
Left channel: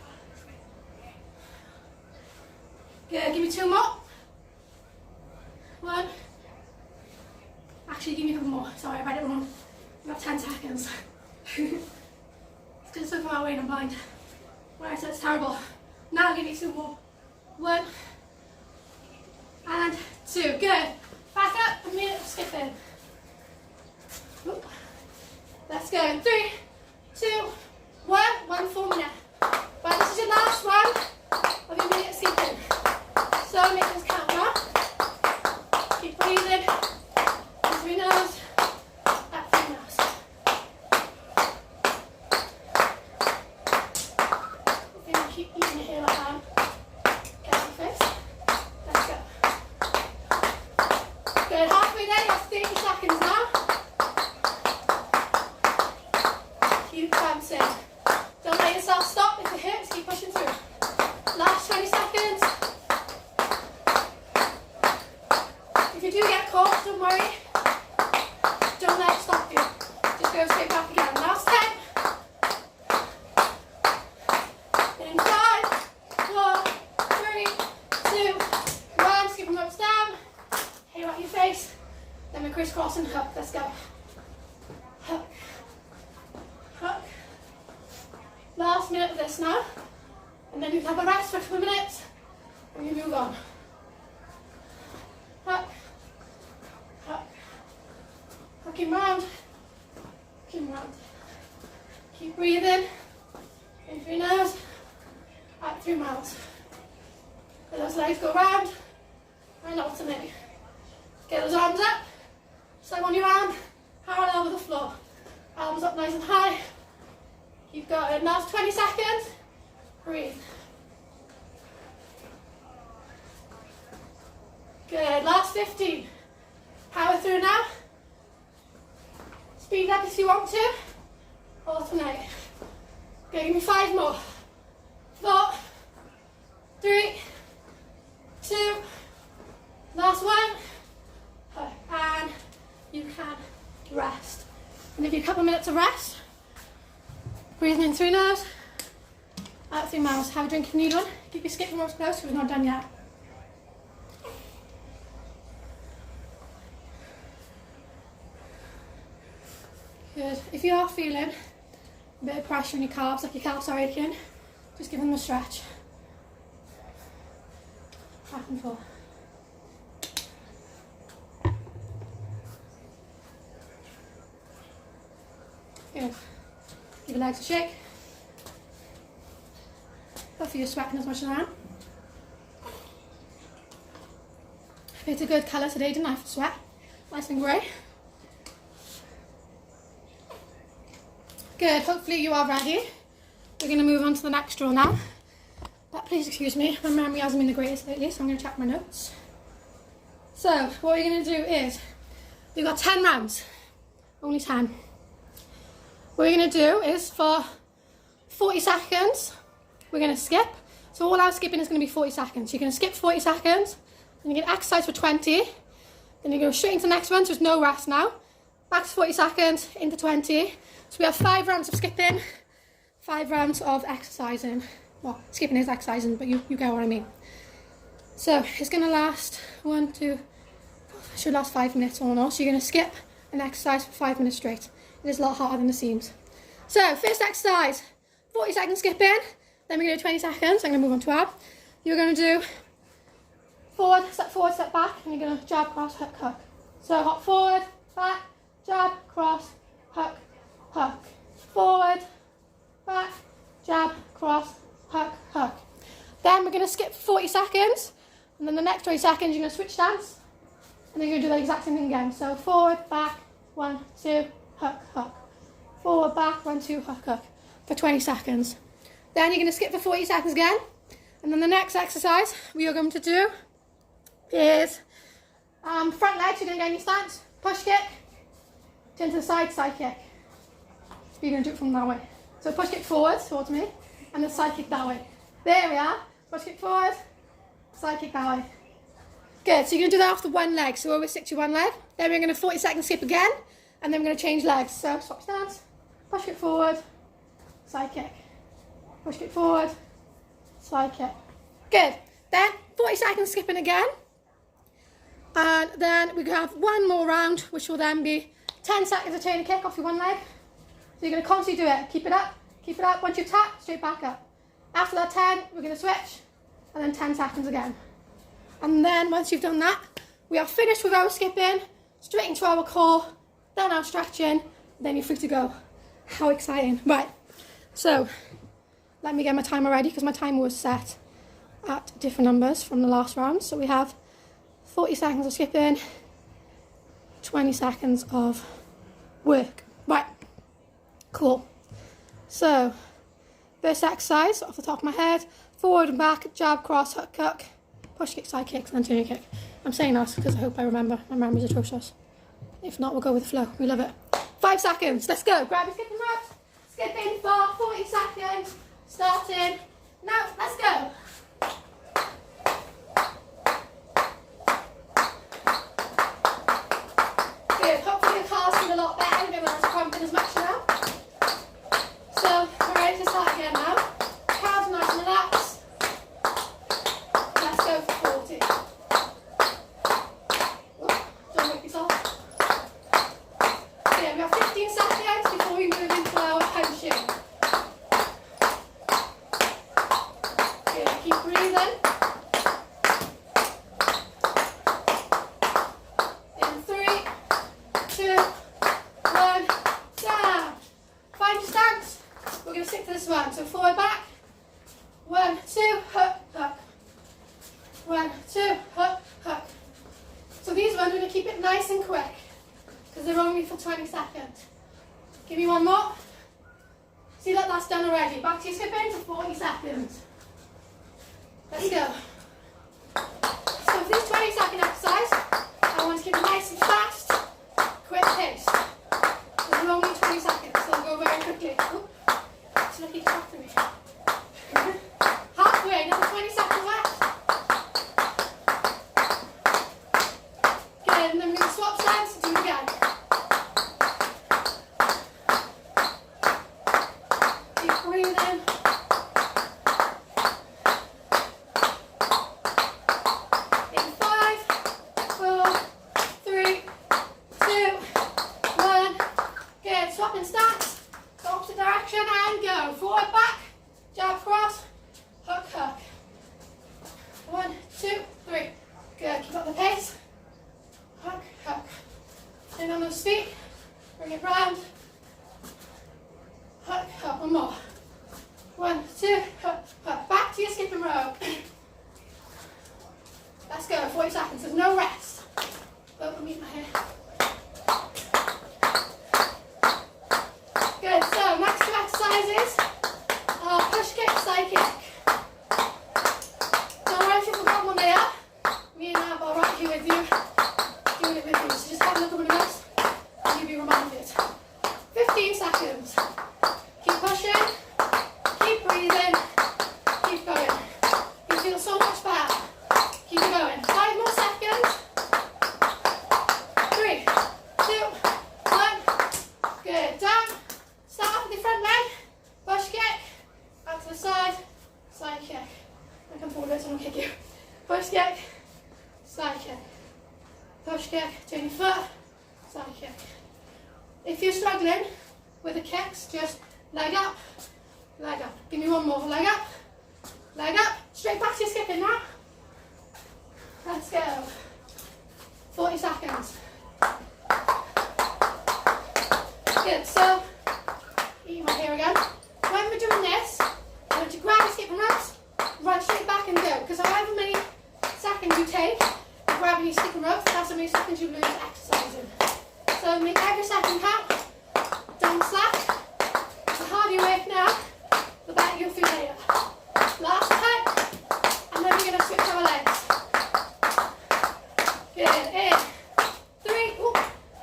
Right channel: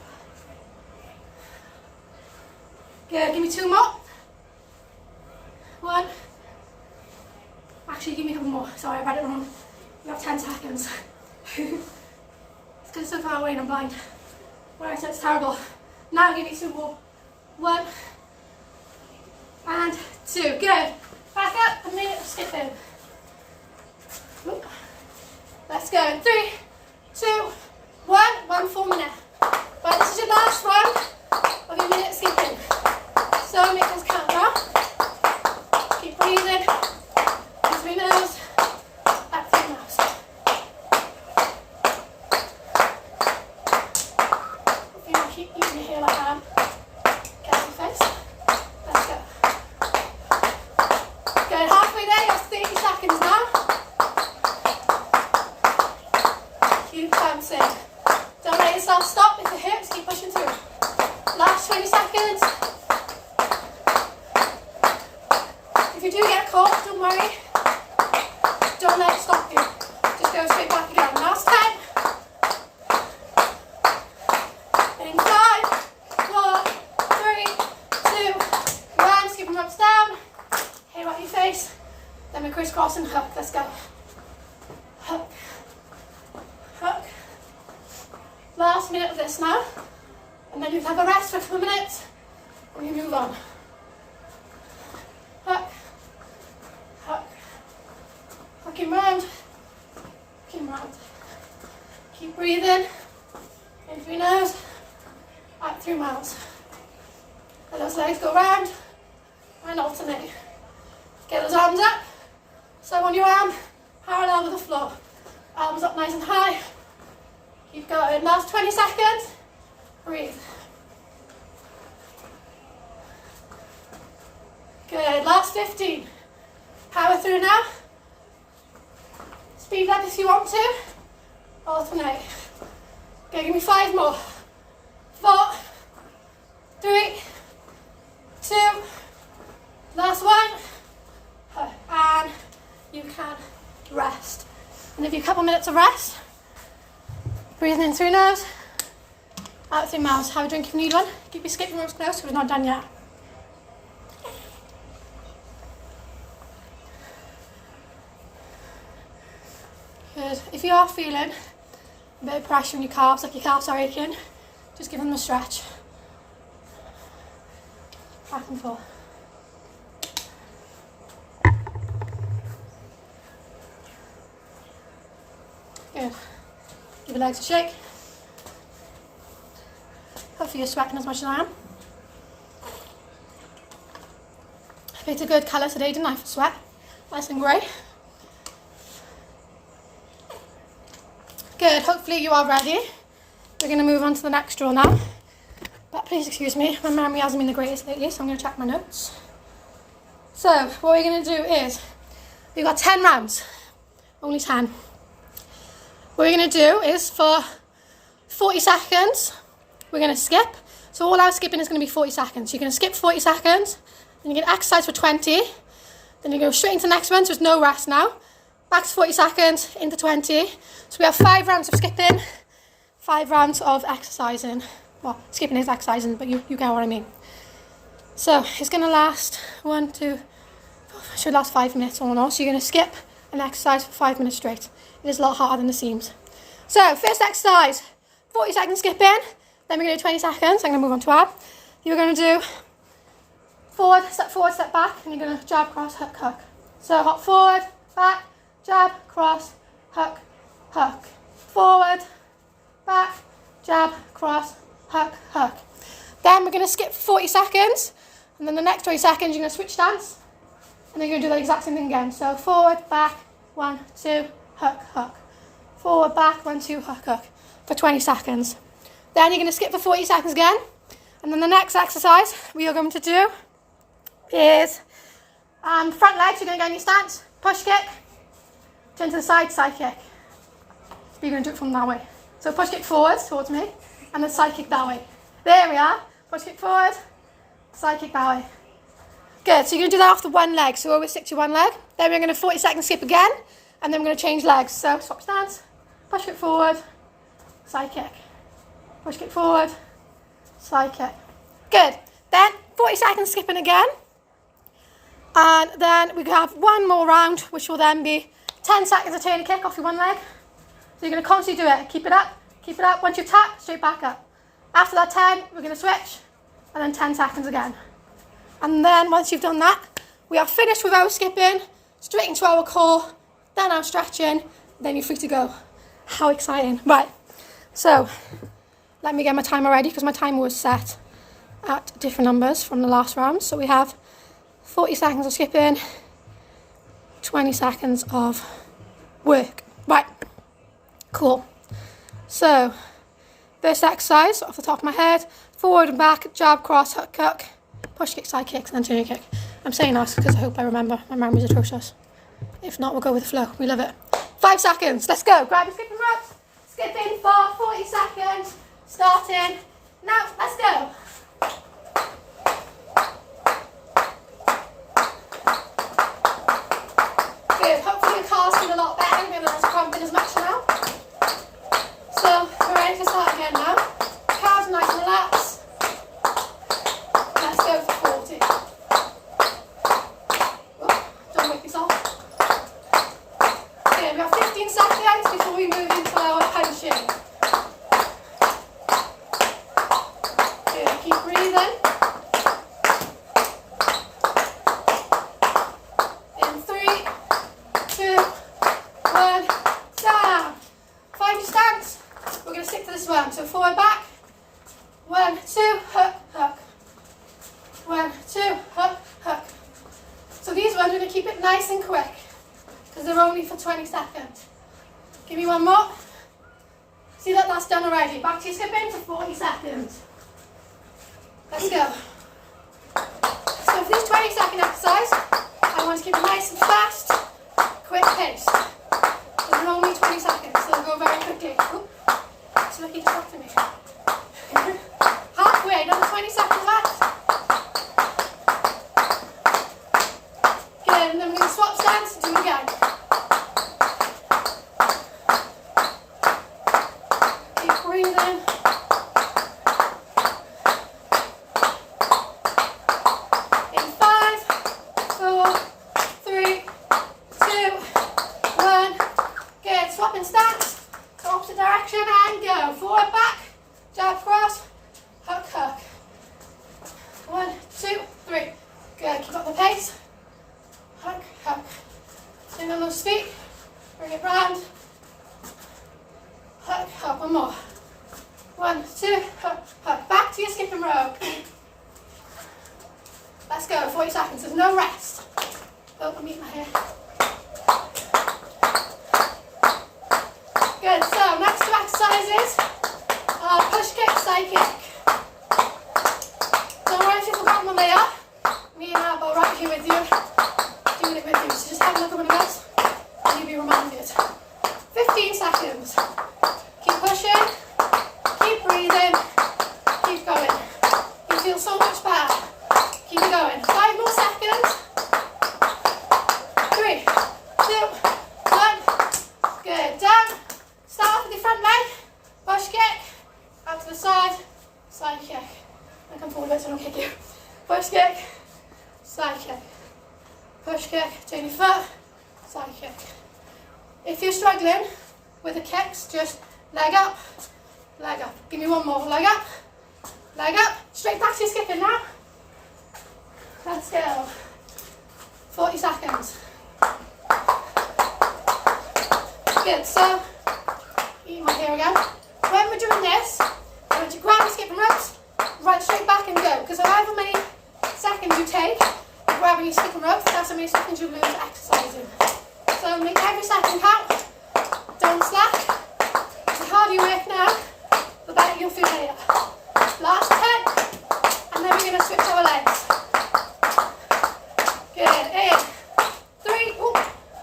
Good, give me 2 more. 1. Actually, give me a couple more. Sorry, I read it wrong. You have 10 seconds. It's because it's so far away and I'm blind. Right, so it's terrible. Now give me 2 more. 1. And 2. Good. Back up, a minute of skipping. Ooh. Let's go. In 3, 2, 1. 1 full minute. Right, this is your last one of your minute of skipping. So make those count now. Keep breathing. In through your nose, out through your mouth. If you want to keep eating your hair like I am, get out your face. Let's go. Good, halfway there, you have 30 seconds now. Keep bouncing. Don't let yourself stop with the hips, keep pushing through. Last 20 seconds. If you do get caught, don't worry. Don't let it stop you. Just go straight back again. Last 10. In 5, 4, 3, 2, 1. Skip them ropes down. Hair out your face. Then we crisscross and hook. Let's go. Hook. Hook. last minute of this now, and then you can have a rest for a couple of minutes, and you move on. Hook, hook, hooking round, hooking round. Keep breathing, in through your nose, out through your mouth. Let those legs go round, and alternate. Get those arms up, so on your arm, parallel with the floor. Arms up nice and high. Keep going. Last 20 seconds. Breathe. Good. Last 15. Power through now. Speed up if you want to. Alternate. Go, give me 5 more. 4, 3, 2, last one. And you can rest. And give you a couple minutes of rest. Breathing in through your nose, out through your mouth. Have a drink if you need one. Keep your skipping ropes close because we're not done yet. Good. If you are feeling a bit of pressure in your calves, like your calves are aching, just give them a stretch. Back and forth. Good. Give your legs a shake. Hopefully you're sweating as much as I am. I picked a good colour today, didn't I, for sweat? Nice and grey. Good, hopefully you are ready. We're going to move on to the next drill now. But please excuse me, my memory hasn't been the greatest lately, so I'm going to check my notes. So, what we're going to do is, we've got 10 rounds. Only 10. What we're going to do is for 40 seconds, we're going to skip. So all our skipping is going to be 40 seconds. You're going to skip 40 seconds, then you're going to exercise for 20, then you go straight into the next one, so there's no rest now. Back to 40 seconds, into 20. So we have 5 rounds of skipping, 5 rounds of exercising. Well, skipping is exercising, but you get what I mean. So it's going to last 1, 2, should last 5 minutes or more. So you're going to skip and exercise for 5 minutes straight. It is a lot harder than it seems. So, first exercise, 40 seconds skipping, then we're going to do 20 seconds, I'm going to move on to ab. You're going to do forward, step back, and you're going to jab, cross, hook, hook. So, hop forward, back, jab, cross, hook, hook. Forward, back, jab, cross, hook, hook. Then we're going to skip for 40 seconds, and then the next 20 seconds you're going to switch stance, and then you're going to do the exact same thing again. So, forward, back, 1, 2, hook, hook. Forward, back, 1, 2, hook, hook. For 20 seconds. Then you're going to skip for 40 seconds again. And then the next exercise we are going to do is front legs. You're going to get in your stance. Push kick. Turn to the side, side kick. You're going to do it from that way. So push kick forward towards me. And then side kick that way. There we are. Push kick forward. Side kick that way. Good. So you're going to do that after one leg. So always stick to one leg. Then we're going to 40 seconds skip again. And then we're going to change legs. So swap stance, push kick forward, side kick. Push kick forward, side kick. Good. Then 40 seconds skipping again. And then we have one more round, which will then be 10 seconds of turn kick off your one leg. So you're going to constantly do it. Keep it up, keep it up. Once you tap, straight back up. After that 10, we're going to switch. And then 10 seconds again. And then once you've done that, we are finished with our skipping, straight into our core. Then I'm stretching, then you're free to go. How exciting. Right, so let me get my timer ready because my timer was set at different numbers from the last round. So we have 40 seconds of skipping, 20 seconds of work. Right, cool. So, first exercise off the top of my head, forward and back, jab, cross, hook, hook, push kick, side kicks, and then turning kick. I'm saying that because I hope I remember. My memory's atrocious. If not, we'll go with the flow. We love it. 5 seconds. Let's go. Grab your skipping ropes. Skipping for 40 seconds. Starting now. Let's go. Good. Hopefully your calves feel a lot better. You're not cramping as much now. So we're ready to start again now. Calves nice and relaxed. Let's go for 40. Don't wake yourself. Okay, we have 15 seconds before we move into our punching. stick to this one. So forward, back. 1, 2, hook, hook. 1, 2, hook, hook. So these ones, we're going to keep it nice and quick because they're only for 20 seconds. Give me one more. See that that's done already. Back to your skipping for 40 seconds. Let's go. So for this 20-second exercise, I want to keep it nice and fast, quick pace. They're only 20 seconds, so they'll go very quickly. Oop. So look, he distracted me. Halfway, another 20 seconds left. Good, and then we're going to swap stance and do it again. Keep breathing. In 5, 4, 3, 2, 1. Good, swapping stance to opposite direction and go. Forward, back, jab, cross, hook, hook. 1, 2, 3. Good, keep up the pace. Hook, hook. Stay on those feet. Bring it round. Hook, hook. One more. 1, 2, hook, hook. Back to your skipping rope. Let's go. 40 seconds. There's no rest. Oh, I'm eating my hair. Good. So next two exercises are push kick, side kick. Don't worry if you've forgotten what they are. Me and Ab are right here with you, doing it with you. So just have a look at one of us and you'll be reminded. 15 seconds. Keep pushing, keep breathing, keep going. You feel so much better. Keep it going. 5 more seconds. 3, 2, 1. Good. Down. Start off with your front leg. Push kick. Out to the side. Side kick. I come forward a bit so I don't kick you. Push kick. Side kick. Push kick. Turn your foot. Side kick. If you're struggling with the kicks, just leg up. Leg up. Give me one more. Leg up. Leg up. Straight back to your skipping now. Let's go. 40 seconds. Good. So, eat my hair again. When we're doing this, I want you to grab your skipping ropes, right straight back and go. Because however many seconds you take grabbing your skipping ropes, that's how many seconds you lose exercising. So make every second count. Don't slack. The harder you work now, the better you'll feel later. Last 10, and then we're going to switch our legs. Good. In 3,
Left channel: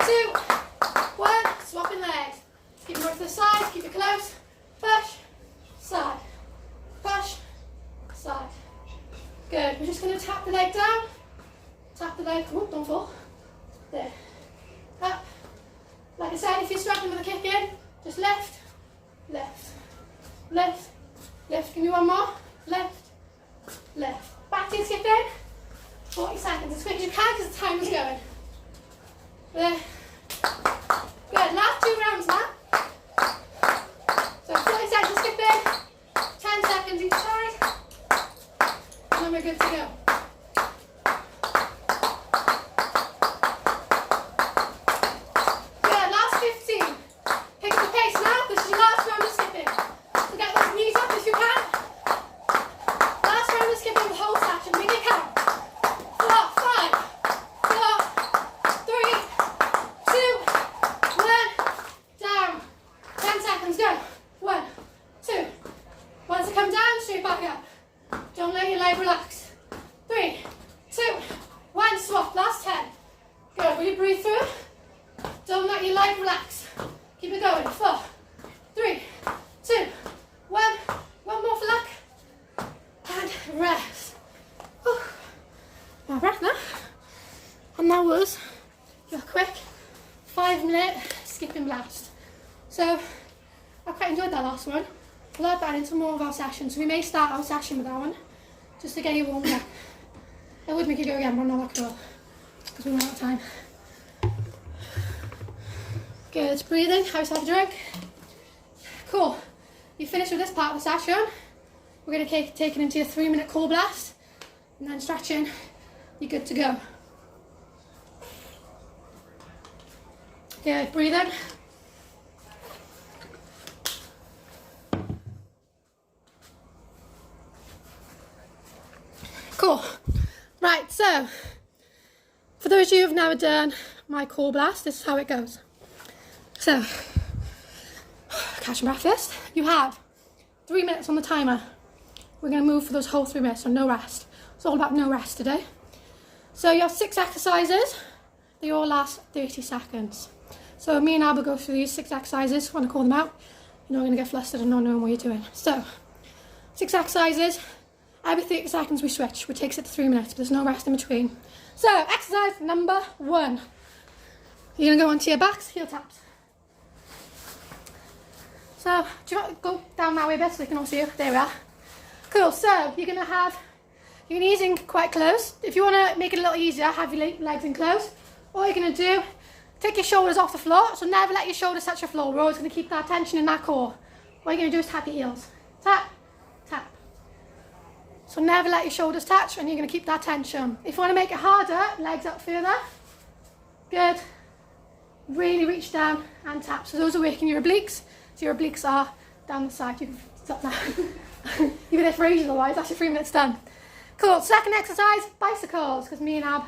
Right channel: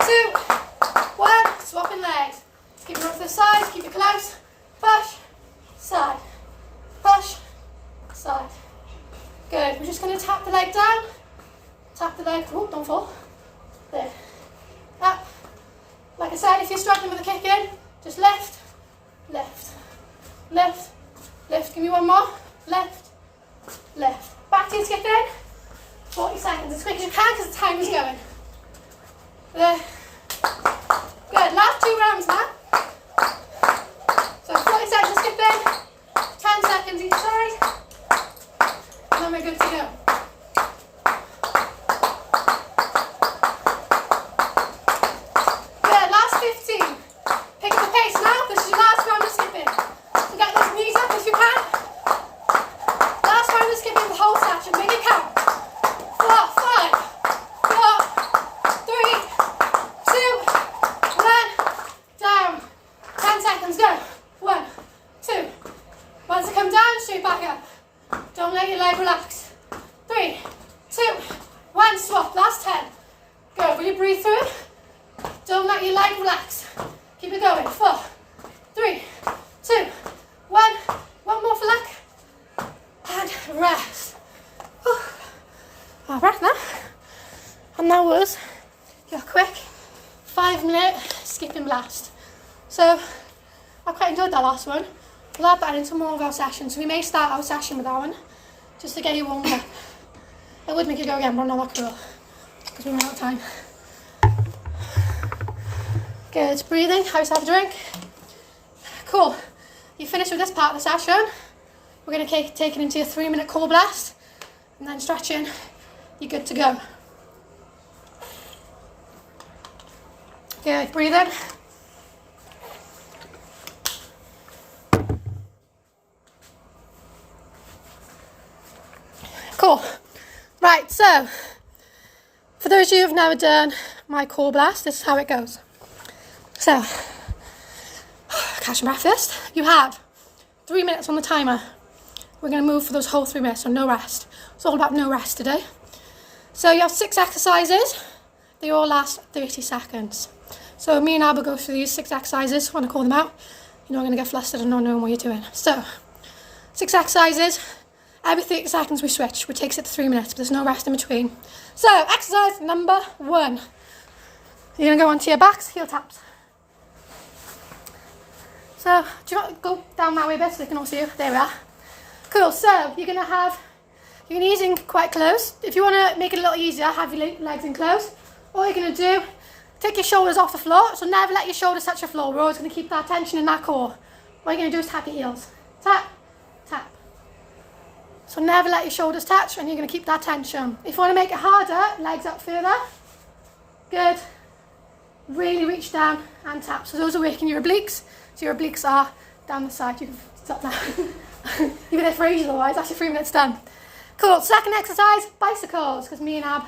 2, 1. Swapping legs. Keep it up to the side. Keep it close. Push. Side. Push. Side. Good. We're just going to tap the leg down. Tap the leg. Oh, don't fall. There. Up. Like I said, if you're struggling with the kick in, just lift, lift, lift, lift. Give me one more. Lift, lift. Back to your skip in. 40 seconds. As quick as you can because the time is going. There. Good. Last 2 rounds now. So 40 seconds skip in. 10 seconds each side. And then we're good to go. Good. Last 15. Pick up the pace now. This is your last round of skipping. So get those knees up if you can. Last round of skipping the whole section. Make it count. 4, 5, 4, 3, 2, 1. Down. 10 seconds. Go. 1, 2. Once you come down, straight back up. Don't let your leg relax. 3, 2, 1. Swap. Last 10. Go. Really breathe through. Don't let your leg relax. Keep it going. 4, 3, 2, 1. One more for luck. And rest. Whew. All right now. And that was your quick 5-minute skipping blast. So I quite enjoyed that last one. We'll add that into more of our sessions. So we may start our session with that one, just to get you warmed up. I would make it go again, but I'm not that cool, because we're out of time. Good, breathing, have yourself a drink. Cool, you finished with this part of the session. We're going to take it into your 3-minute core blast, and then stretching, you're good to go. Good, breathing. Right, so for those of you who've never done my core blast, this is how it goes. So, catch your breath first. You have 3 minutes on the timer. We're going to move for those whole 3 minutes, so no rest. It's all about no rest today. So you have 6 exercises. They all last 30 seconds. So me and Ab will go through these 6 exercises. When I call them out, you're not going to get flustered and not knowing what you're doing. So, 6 exercises. Every 30 seconds we switch, which takes it to 3 minutes, but there's no rest in between. So, exercise number 1. You're going to go onto your backs, heel taps. So, do you want to go down that way a bit so they can all see you? There we are. Cool, so you're going to ease in quite close. If you want to make it a little easier, have your legs in close. All you're going to do, take your shoulders off the floor, so never let your shoulders touch the floor. We're always going to keep that tension in that core. What you're going to do is tap your heels. Tap, tap. So never let your shoulders touch, and you're going to keep that tension. If you want to make it harder, legs up further. Good. Really reach down and tap. So those are working your obliques. So your obliques are down the side. You can stop now. You've been there for ages otherwise. That's your 3 minutes done. Cool. Second exercise, bicycles. Because me and Ab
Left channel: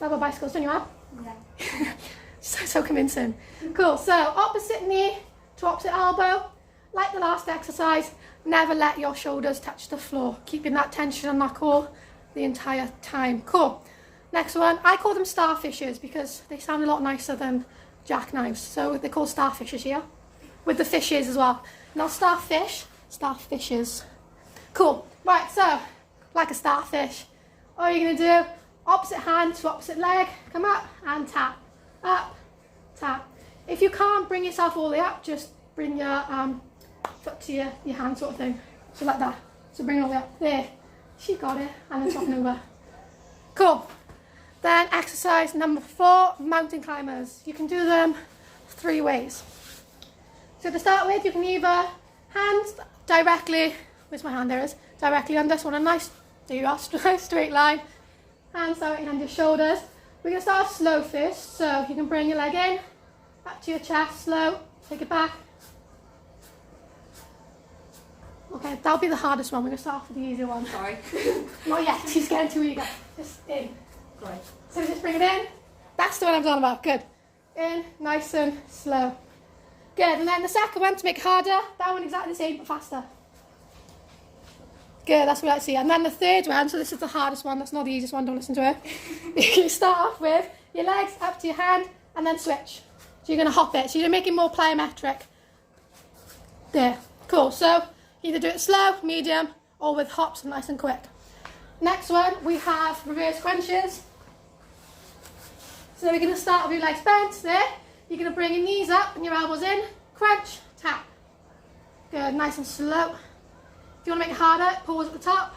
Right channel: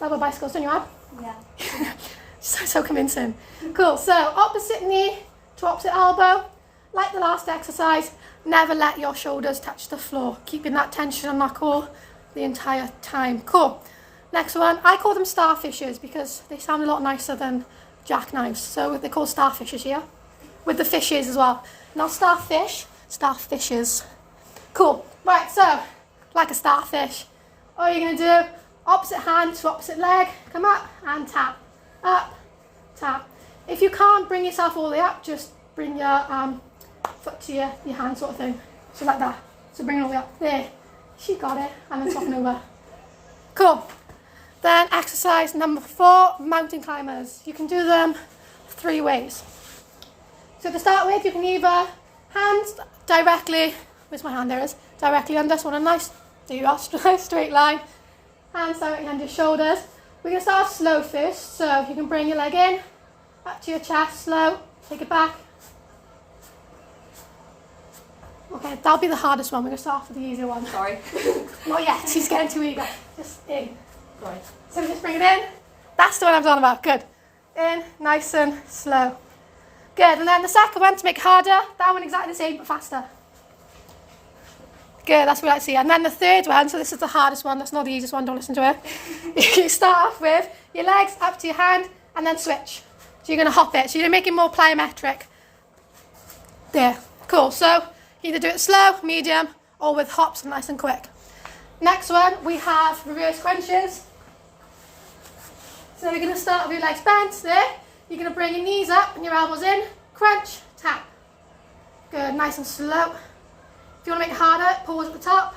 love our bicycles, don't you, Ab? Yeah. So convincing. Cool. So opposite knee to opposite elbow. Like the last exercise, never let your shoulders touch the floor. Keeping that tension on that core the entire time. Cool. Next one, I call them starfishes because they sound a lot nicer than jackknives. So they're called starfishes here. With the fishes as well. Not starfish, starfishes. Cool. Right, so, like a starfish. All you're going to do, opposite hand to opposite leg. Come up and tap. Up, tap. If you can't bring yourself all the way up, just bring your foot to your hand sort of thing. So like that. So bring it all the way up. There. She got it. And then soften over. Cool. Then exercise number 4, mountain climbers. You can do them 3 ways. So to start with, you can either hands directly, where's my hand, there it is, directly under, so on a nice, there you are, nice straight line. Hands directly under your shoulders. We're going to start off slow first, so you can bring your leg in, up to your chest, slow, take it back. Okay, that'll be the hardest one. We're going to start off with the easier one. Sorry. Not yet, she's getting too eager. Just in. Right. So just bring it in. That's the one I'm talking about. Good. In, nice and slow. Good. And then the second one, to make it harder, that one exactly the same, but faster. Good, that's what I like to see. And then the third one, so this is the hardest one, that's not the easiest one, don't listen to her. You start off with your legs up to your hand, and then switch. So you're going to hop it. So you're making more plyometric. There. Cool. So either do it slow, medium, or with hops and nice and quick. Next one, we have reverse crunches. So we're going to start with your legs bent there. You're going to bring your knees up and your elbows in. Crunch, tap. Good, nice and slow. If you want to make it harder, pause at the top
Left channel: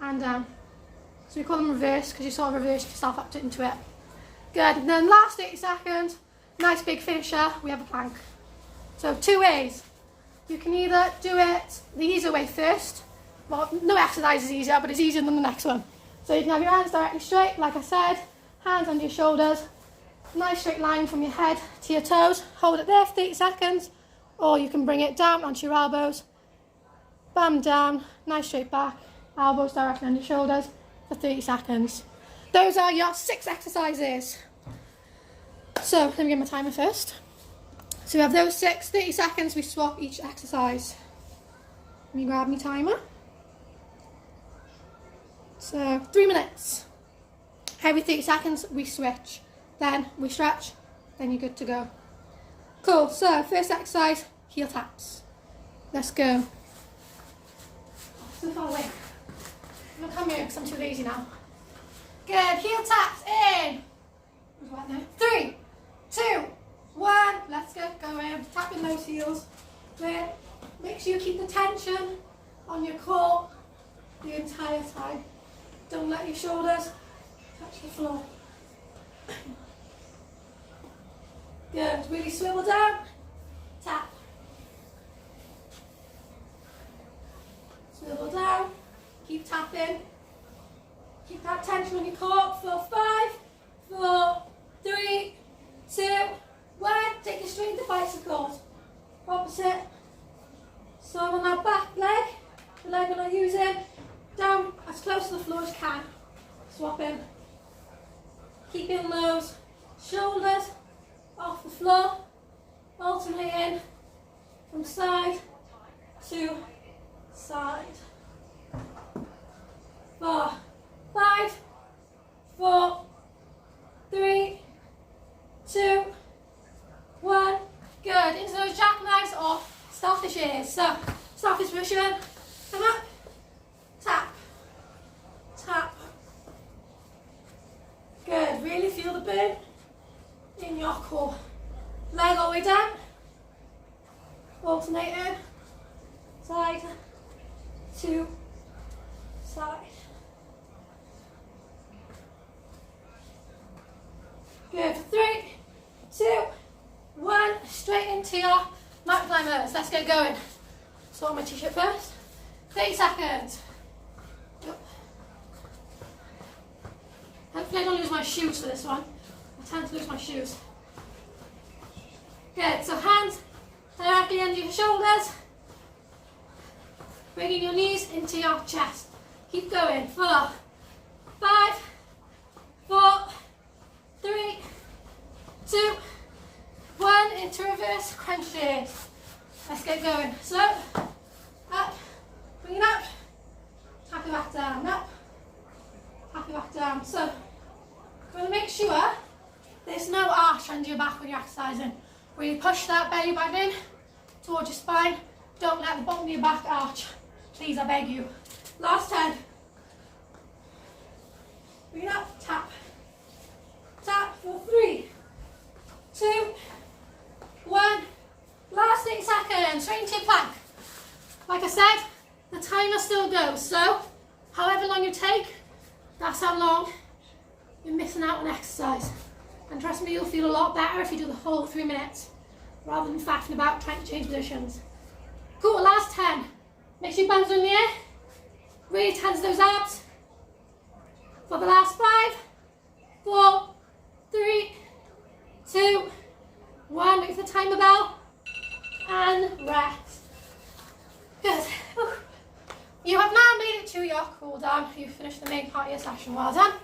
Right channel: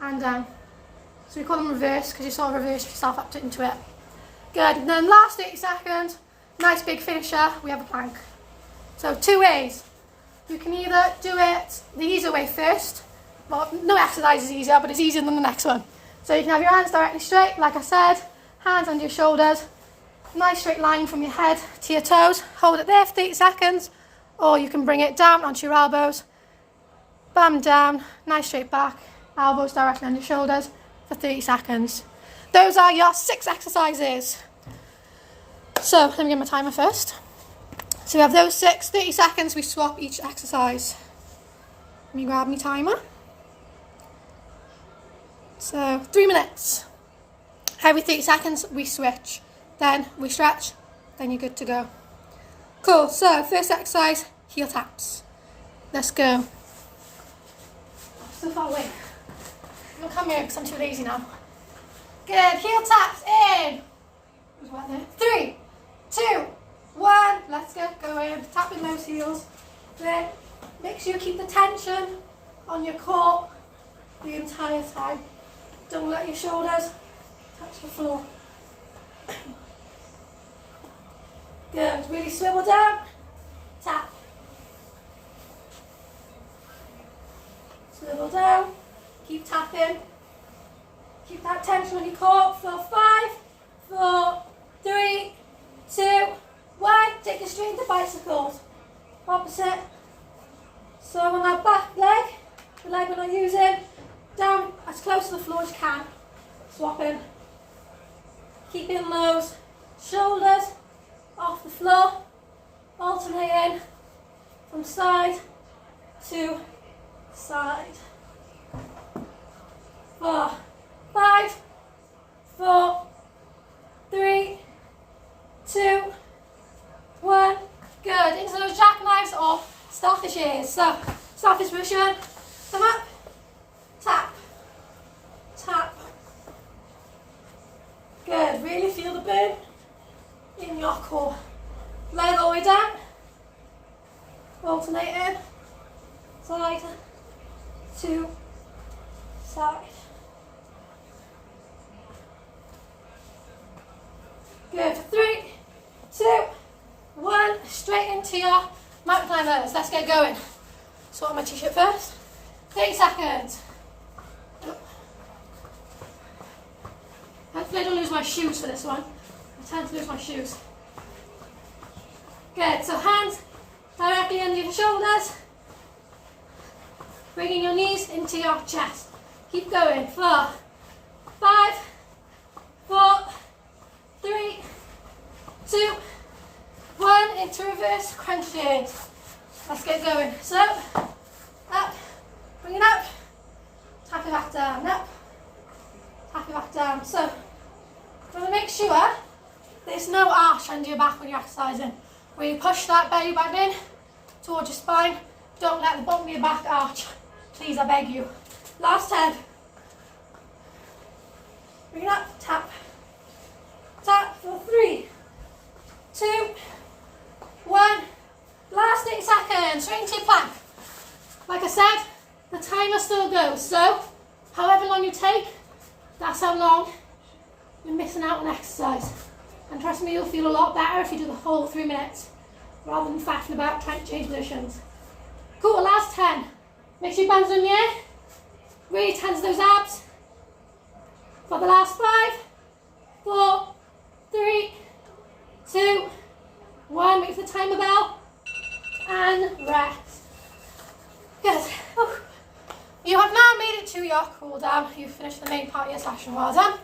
and down. So we call them reverse because you sort of reverse yourself up into it. Good, and then last 30 seconds, nice big finisher, we have a plank. So 2 ways. You can either do it the easier way first. Well, no exercise is easier, but it's easier than the next one. So you can have your hands directly straight, like I said, hands under your shoulders, nice straight line from your head to your toes, hold it there for 30 seconds, or you can bring it down onto your elbows, bum down, nice straight back, elbows directly on your shoulders for 30 seconds. Those are your 6 exercises. So let me get my timer first. So we have those 6, 30 seconds, we swap each exercise. Let me grab my timer. So 3 minutes. Every 30 seconds we switch, then we stretch, then you're good to go. Cool, so first exercise, heel taps. Let's go. Still far away. I'm going to come here because I'm too lazy now. Good, heel taps in. 3, 2, 1, let's go. Go in, tapping those heels. There. Make sure you keep the tension on your core the entire time. Don't let your shoulders touch the floor. Good, really swivel down, tap. Swivel down, keep tapping. Keep that tension on your core for 5, 4, 3, 2, 1. Take it straight into bicycles. Opposite. So on that back leg, the leg we're not using, down as close to the floor as you can. Swapping. Keeping those shoulders off the floor. Alternating from side to side. 4, 5, 4, 3, 2, 1. Good. Into those jackknives or starfishes. So, starfish position. Come up. Tap. Tap. Good. Really feel the burn in your core. Leg all the way down. Alternating. Side to side. Good. 3, 2, 1. Straight into your mountain climbers. Let's get going. Sort on my t-shirt first. 30 seconds. Hopefully I don't lose my shoes for this one. I tend to lose my shoes. Good. So hands directly under your shoulders. Bringing your knees into your chest. Keep going. 4, 5, 4, 3, 2, 1. Into reverse crunches. Let's get going. So, up, bring it up, tap it back down, up, tap it back down. So, you want to make sure there's no arch under your back when you're exercising. Really push that belly button in towards your spine. Don't let the bottom of your back arch. Please, I beg you. Last 10. Bring it up, tap. Tap for 3, 2, 1. Last 8 seconds. Straight into your plank. Like I said, the timer still goes. So, however long you take, that's how long you're missing out on exercise. And trust me, you'll feel a lot better if you do the whole 3 minutes, rather than faffing about trying to change positions. Cool, last 10. Make sure you bounce in the air. Really tense those abs. For the last 5, 4, 3, 2, 1. Wait for the timer bell. And rest. Good. Whew. You have now made it to your cool down. You've finished the main part of your session. Well done.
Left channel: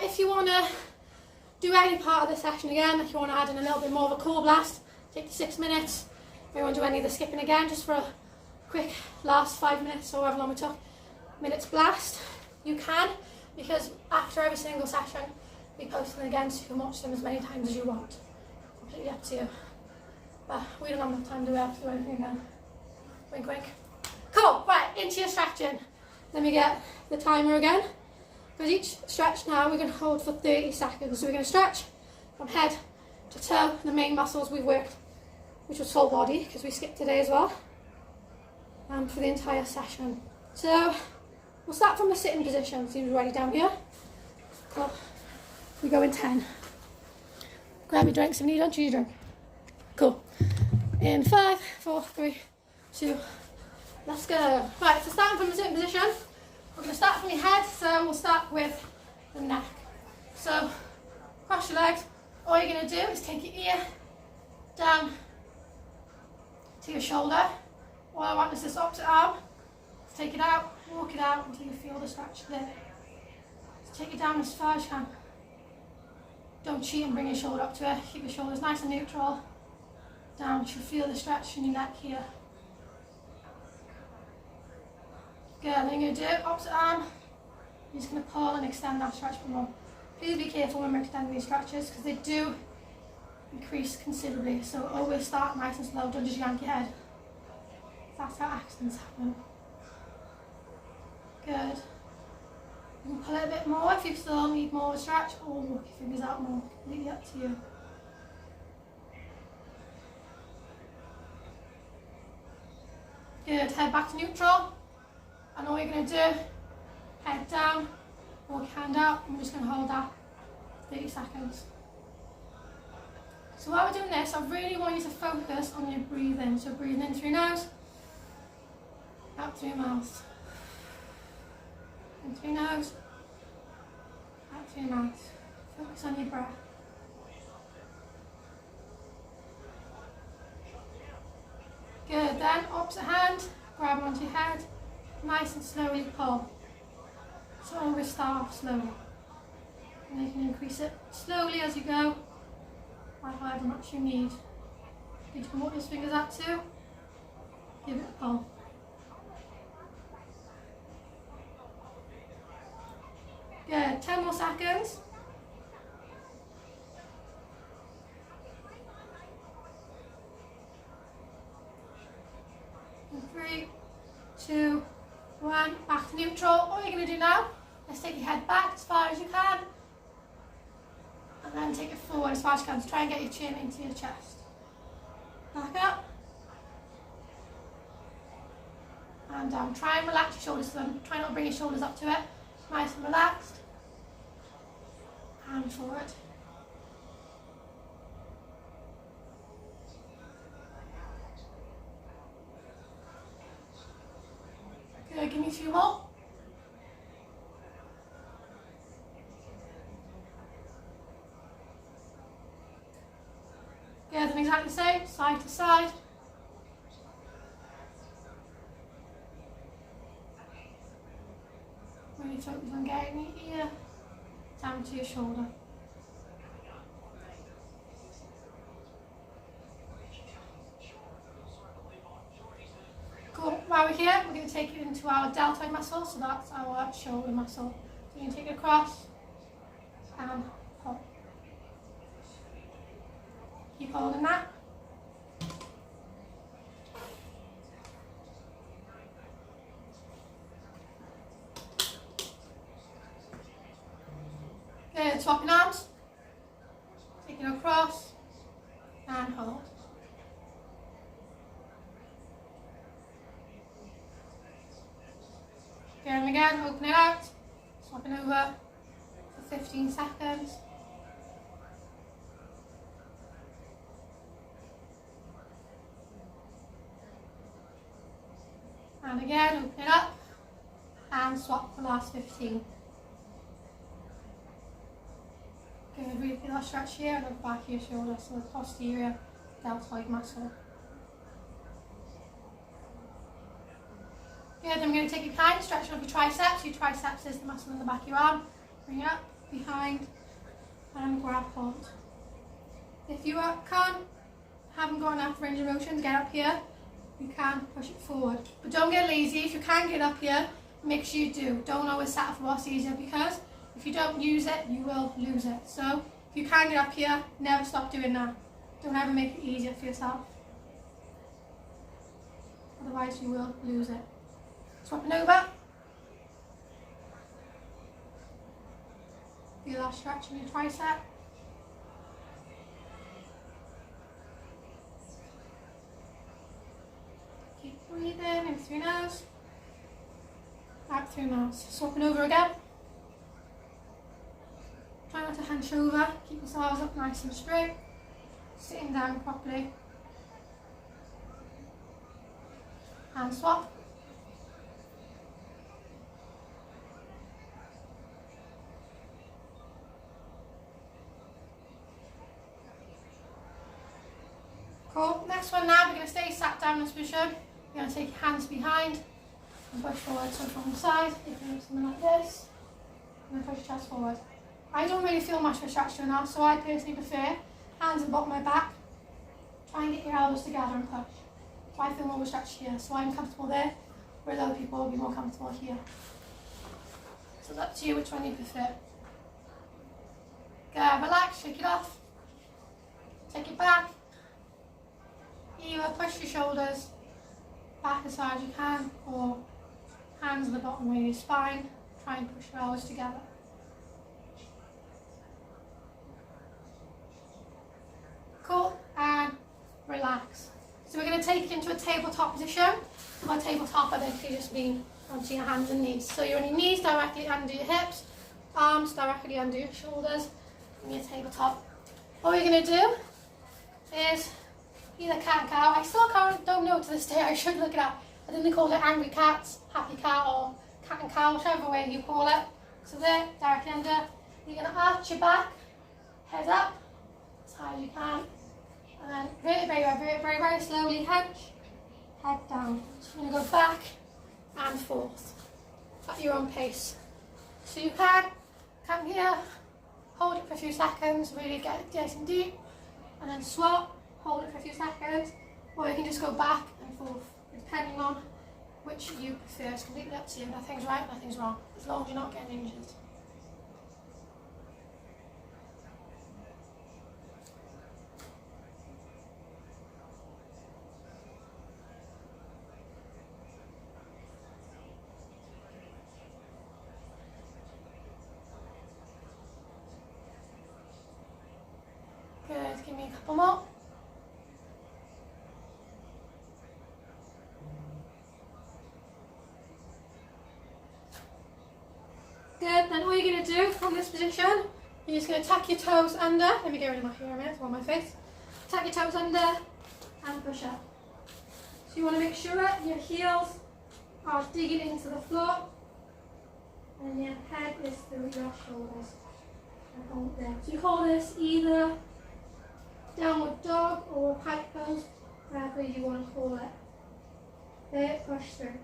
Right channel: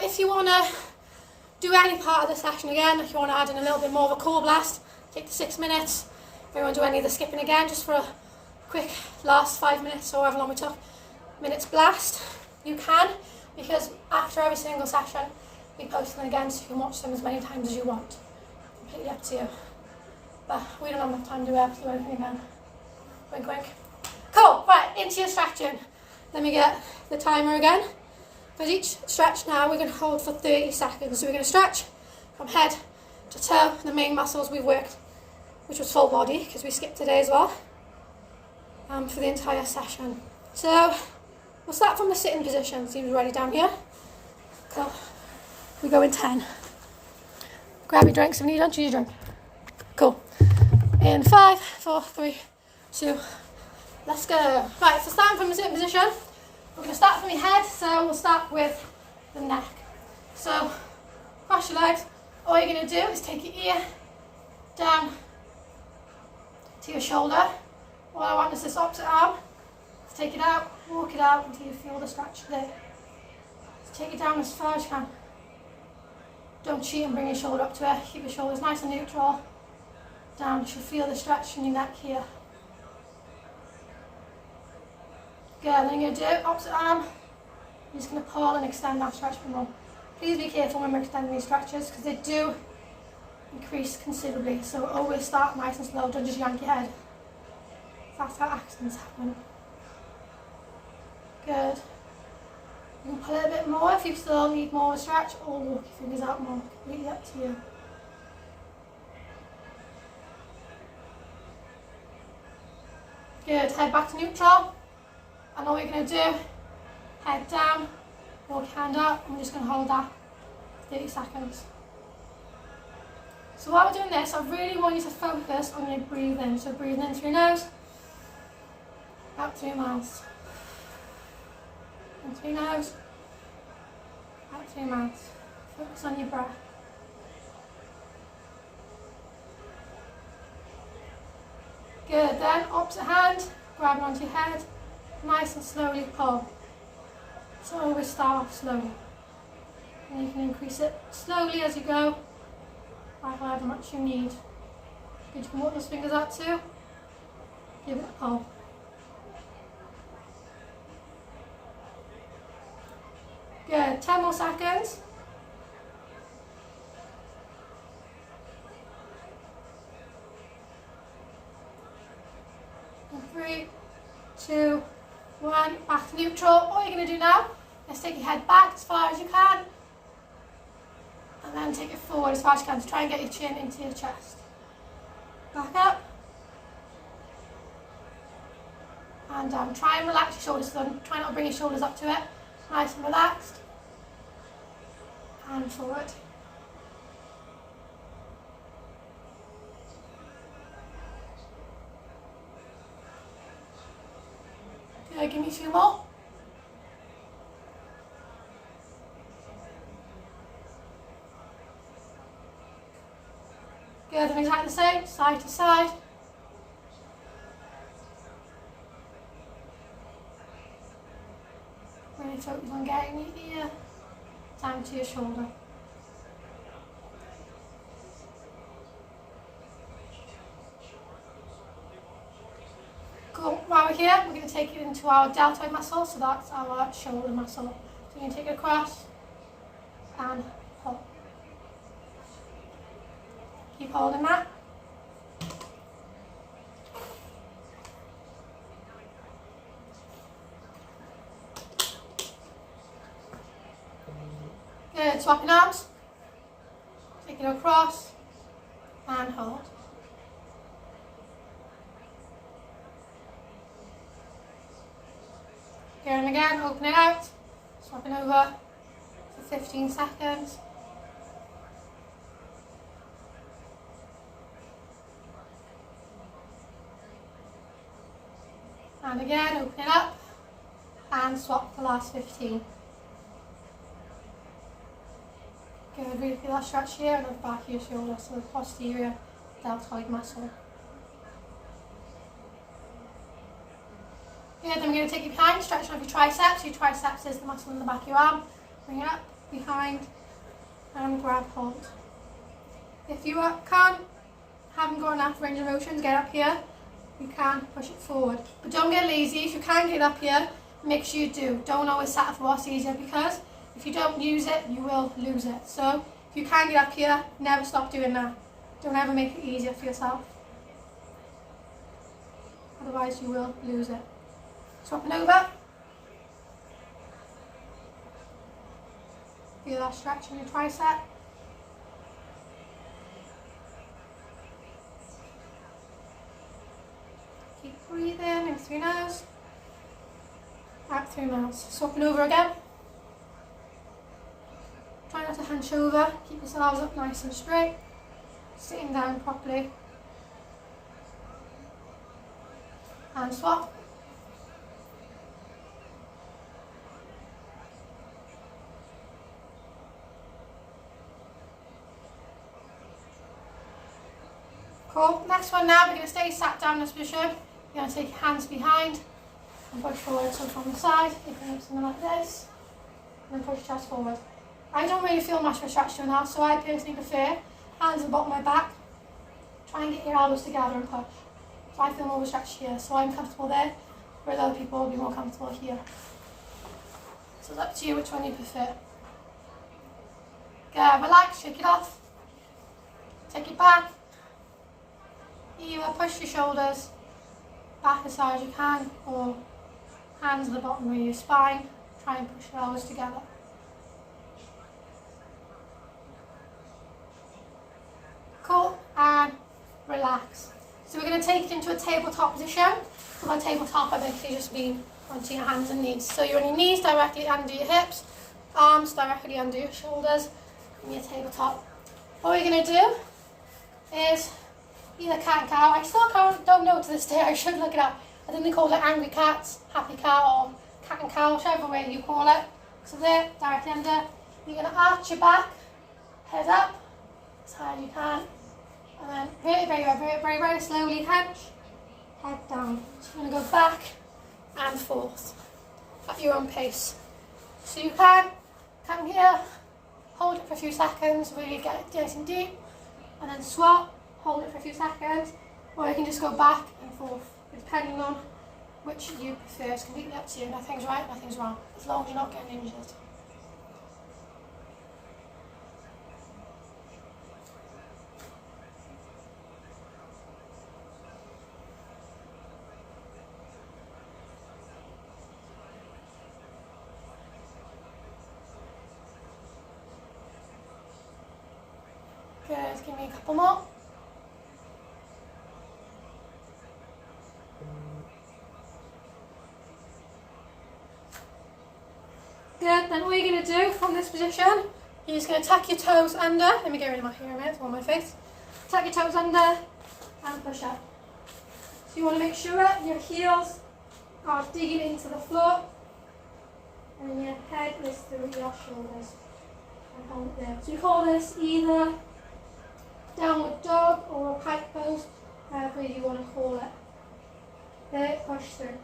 If you want to do any part of the session again, if you want to add in a little bit more of a core blast, take the 6 minutes. If you want to do any of the skipping again, just for a quick last 5 minutes or however long we took, minutes blast, you can, because after every single session we post them again, so you can watch them as many times as you want. Completely up to you. But we don't have enough time to do everything again. Wink, wink. Cool, right, into your stretching. Let me get the timer again. For each stretch now, we're going to hold for 30 seconds. So we're going to stretch from head to toe, the main muscles we worked, which was full body, because we skipped today as well, for the entire session. So we'll start from the sitting position. Seems ready down here. Cool. We go in 10. Grab your drinks. If you need one, choose your drink. Cool. In 5, 4, 3, 2, let's go. Right, so starting from the sitting position, we're going to start from your head, so we'll start with the neck. So, cross your legs. All you're going to do is take your ear down to your shoulder. All I want is this opposite arm. So take it out, walk it out until you feel the stretch there. So take it down as far as you can. Don't cheat and bring your shoulder up to it. Keep your shoulders nice and neutral. Down, you should feel the stretch in your neck here. Good, then you're going to do opposite arm. You're just going to pull and extend that stretch for more. Please be careful when we're extending these stretches, because they do increase considerably. So always start nice and slow, don't just yank your head. That's how accidents happen. Good. You can pull it a bit more if you still need more of a stretch, or walk your fingers out more. Completely up to you. Good, head back to neutral. And all you're going to do, head down, walk your hand out, and we're just going to hold that 30 seconds. So while we're doing this, I really want you to focus on your breathing. So breathing in through your nose, out through your mouth. In through your nose, out through your mouth. Focus on your breath. Good, then opposite hand, grab it onto your head, nice and slowly pull. So always start off slowly. And you can increase it slowly as you go, by however much you need. Good, you can walk those fingers out too. Give it a pull. Good, 10 more seconds. And 3, 2, 1, back to neutral. What you're going to do now is take your head back as far as you can. And then take it forward as far as you can to try and get your chin into your chest. Back up. And down. Try and relax your shoulders. So try not to bring your shoulders up to it. Nice and relaxed. And forward. Good, give me a few more. Good, and exactly the same, side to side. Really focus on getting your ear down to your shoulder. Cool. While we're here, we're going to take it into our deltoid muscle, so that's our shoulder muscle. So you're going to take it across and pull. Keep holding that. Good, swapping arms. Take it across and hold. Again and again, open it out. Swapping over for 15 seconds. And again, open it up and swap the last 15. Good, really feel that stretch here and the back of your shoulder, so the posterior deltoid muscle. Good, then we're going to take it behind, stretching off your triceps. Your triceps is the muscle in the back of your arm. Bring it up, behind, and grab hold. If you haven't got enough range of motion to get up here, you can push it forward. But don't get lazy. If you can get up here, make sure you do. Don't always settle for what's easier, because if you don't use it, you will lose it. So if you can get up here, never stop doing that. Don't ever make it easier for yourself. Otherwise you will lose it. Swapping over. Feel that stretch in your tricep. Keep breathing in through nose. Out through nose. Swapping over again. Try not to hunch over. Keep yourselves up nice and straight. Sitting down properly. And swap. Cool. Next one now, we're going to stay sat down in this position. You're going to take your hands behind and push forward. So from the side, you can do something like this. And then push your chest forward. I don't really feel much of a stretch doing that, so I personally prefer hands at the bottom of my back. Try and get your elbows together and push. So I feel more of a stretch here, so I'm comfortable there, whereas other people will be more comfortable here. So it's up to you which one you prefer. Go, relax, shake it off. Take it back. Either push your shoulders back as far as you can, or hands at the bottom of your spine. Try and push your elbows together. Cool, and relax. So we're going to take it into a tabletop position. By tabletop, I basically just mean onto your hands and knees. So you're on your knees directly under your hips, arms directly under your shoulders, and your tabletop. What we're going to do is either cat and cow. I still don't know to this day, I should look it up. I think they call it angry cats, happy cat, or cat and cow, whichever way you call it. So there, directly under. You're going to arch your back, head up, as high as you can. And then vertebrae, very slowly hunch, head down. So you're going to go back and forth at your own pace. So you can come here, hold it for a few seconds, really get it nice and deep, and then swap, hold it for a few seconds, or you can just go back and forth, depending on which you prefer. It's completely up to you. Nothing's right, nothing's wrong, as long as you're not getting injured. Good, give me a couple more. Good, then all you're going to do from this position, you're just going to tuck your toes under. Let me get rid of my hair a minute, it's on my face. Tuck your toes under and push up. So you want to make sure your heels are digging into the floor and your head is through your shoulders. And hold it there. So you call this either downward dog or a pike pose, however you want to call it. There, push through.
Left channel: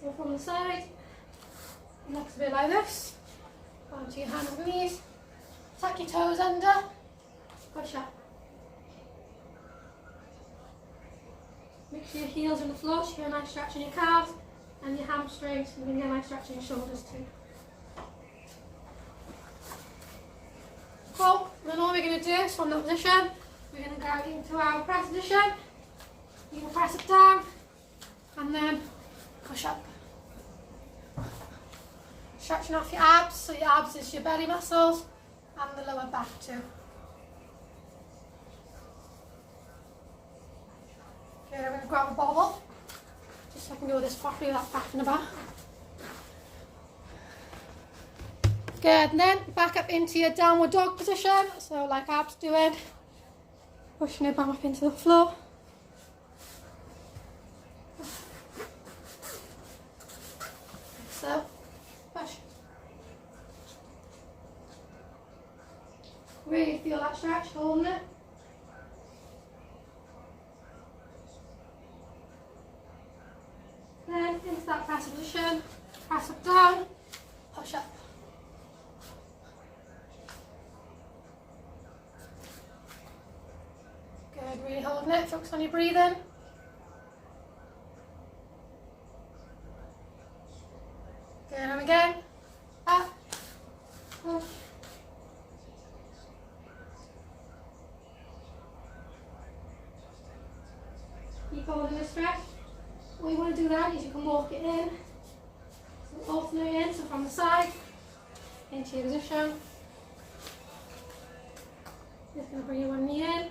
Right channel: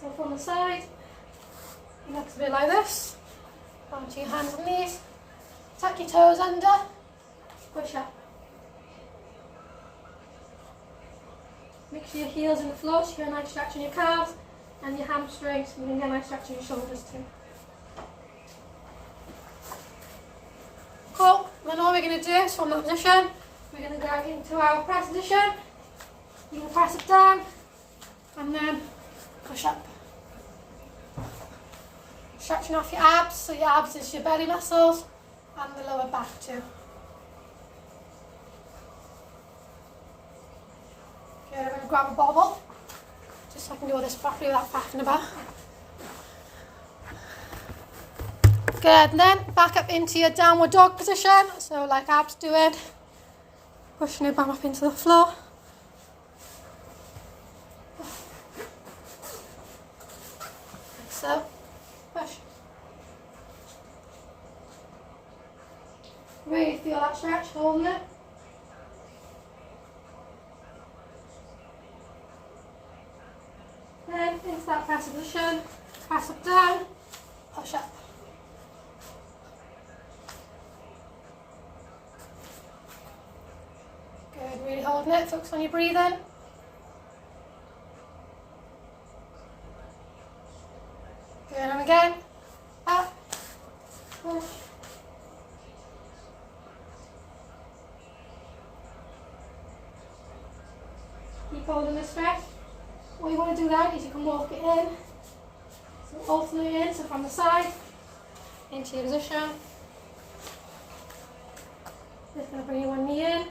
So from the side, it looks a bit like this. Onto your hands and knees, tuck your toes under, push up. Make sure your heels in the floor, so you get a nice stretch in your calves and your hamstrings, and you can get a nice stretch in your shoulders too. Cool, then all we're going to do is from that position, we're going to go into our press position. You're going to press it down and then push up. Stretching off your abs, so your abs is your belly muscles and the lower back too. Good, I'm going to grab a bobble, just so I can do this properly without faffing about. Good, and then back up into your downward dog position, so like abs doing, pushing it back up into the floor. Like so, push. Really feel that stretch, holding it. Then into that press position, press up down, push up. Good, really holding it, focus on your breathing. Good, and again, up, push. Keep holding this stretch. What you want to do then is you can walk it in, so alternate in, so from the side, into your position. Just going to bring your one knee in,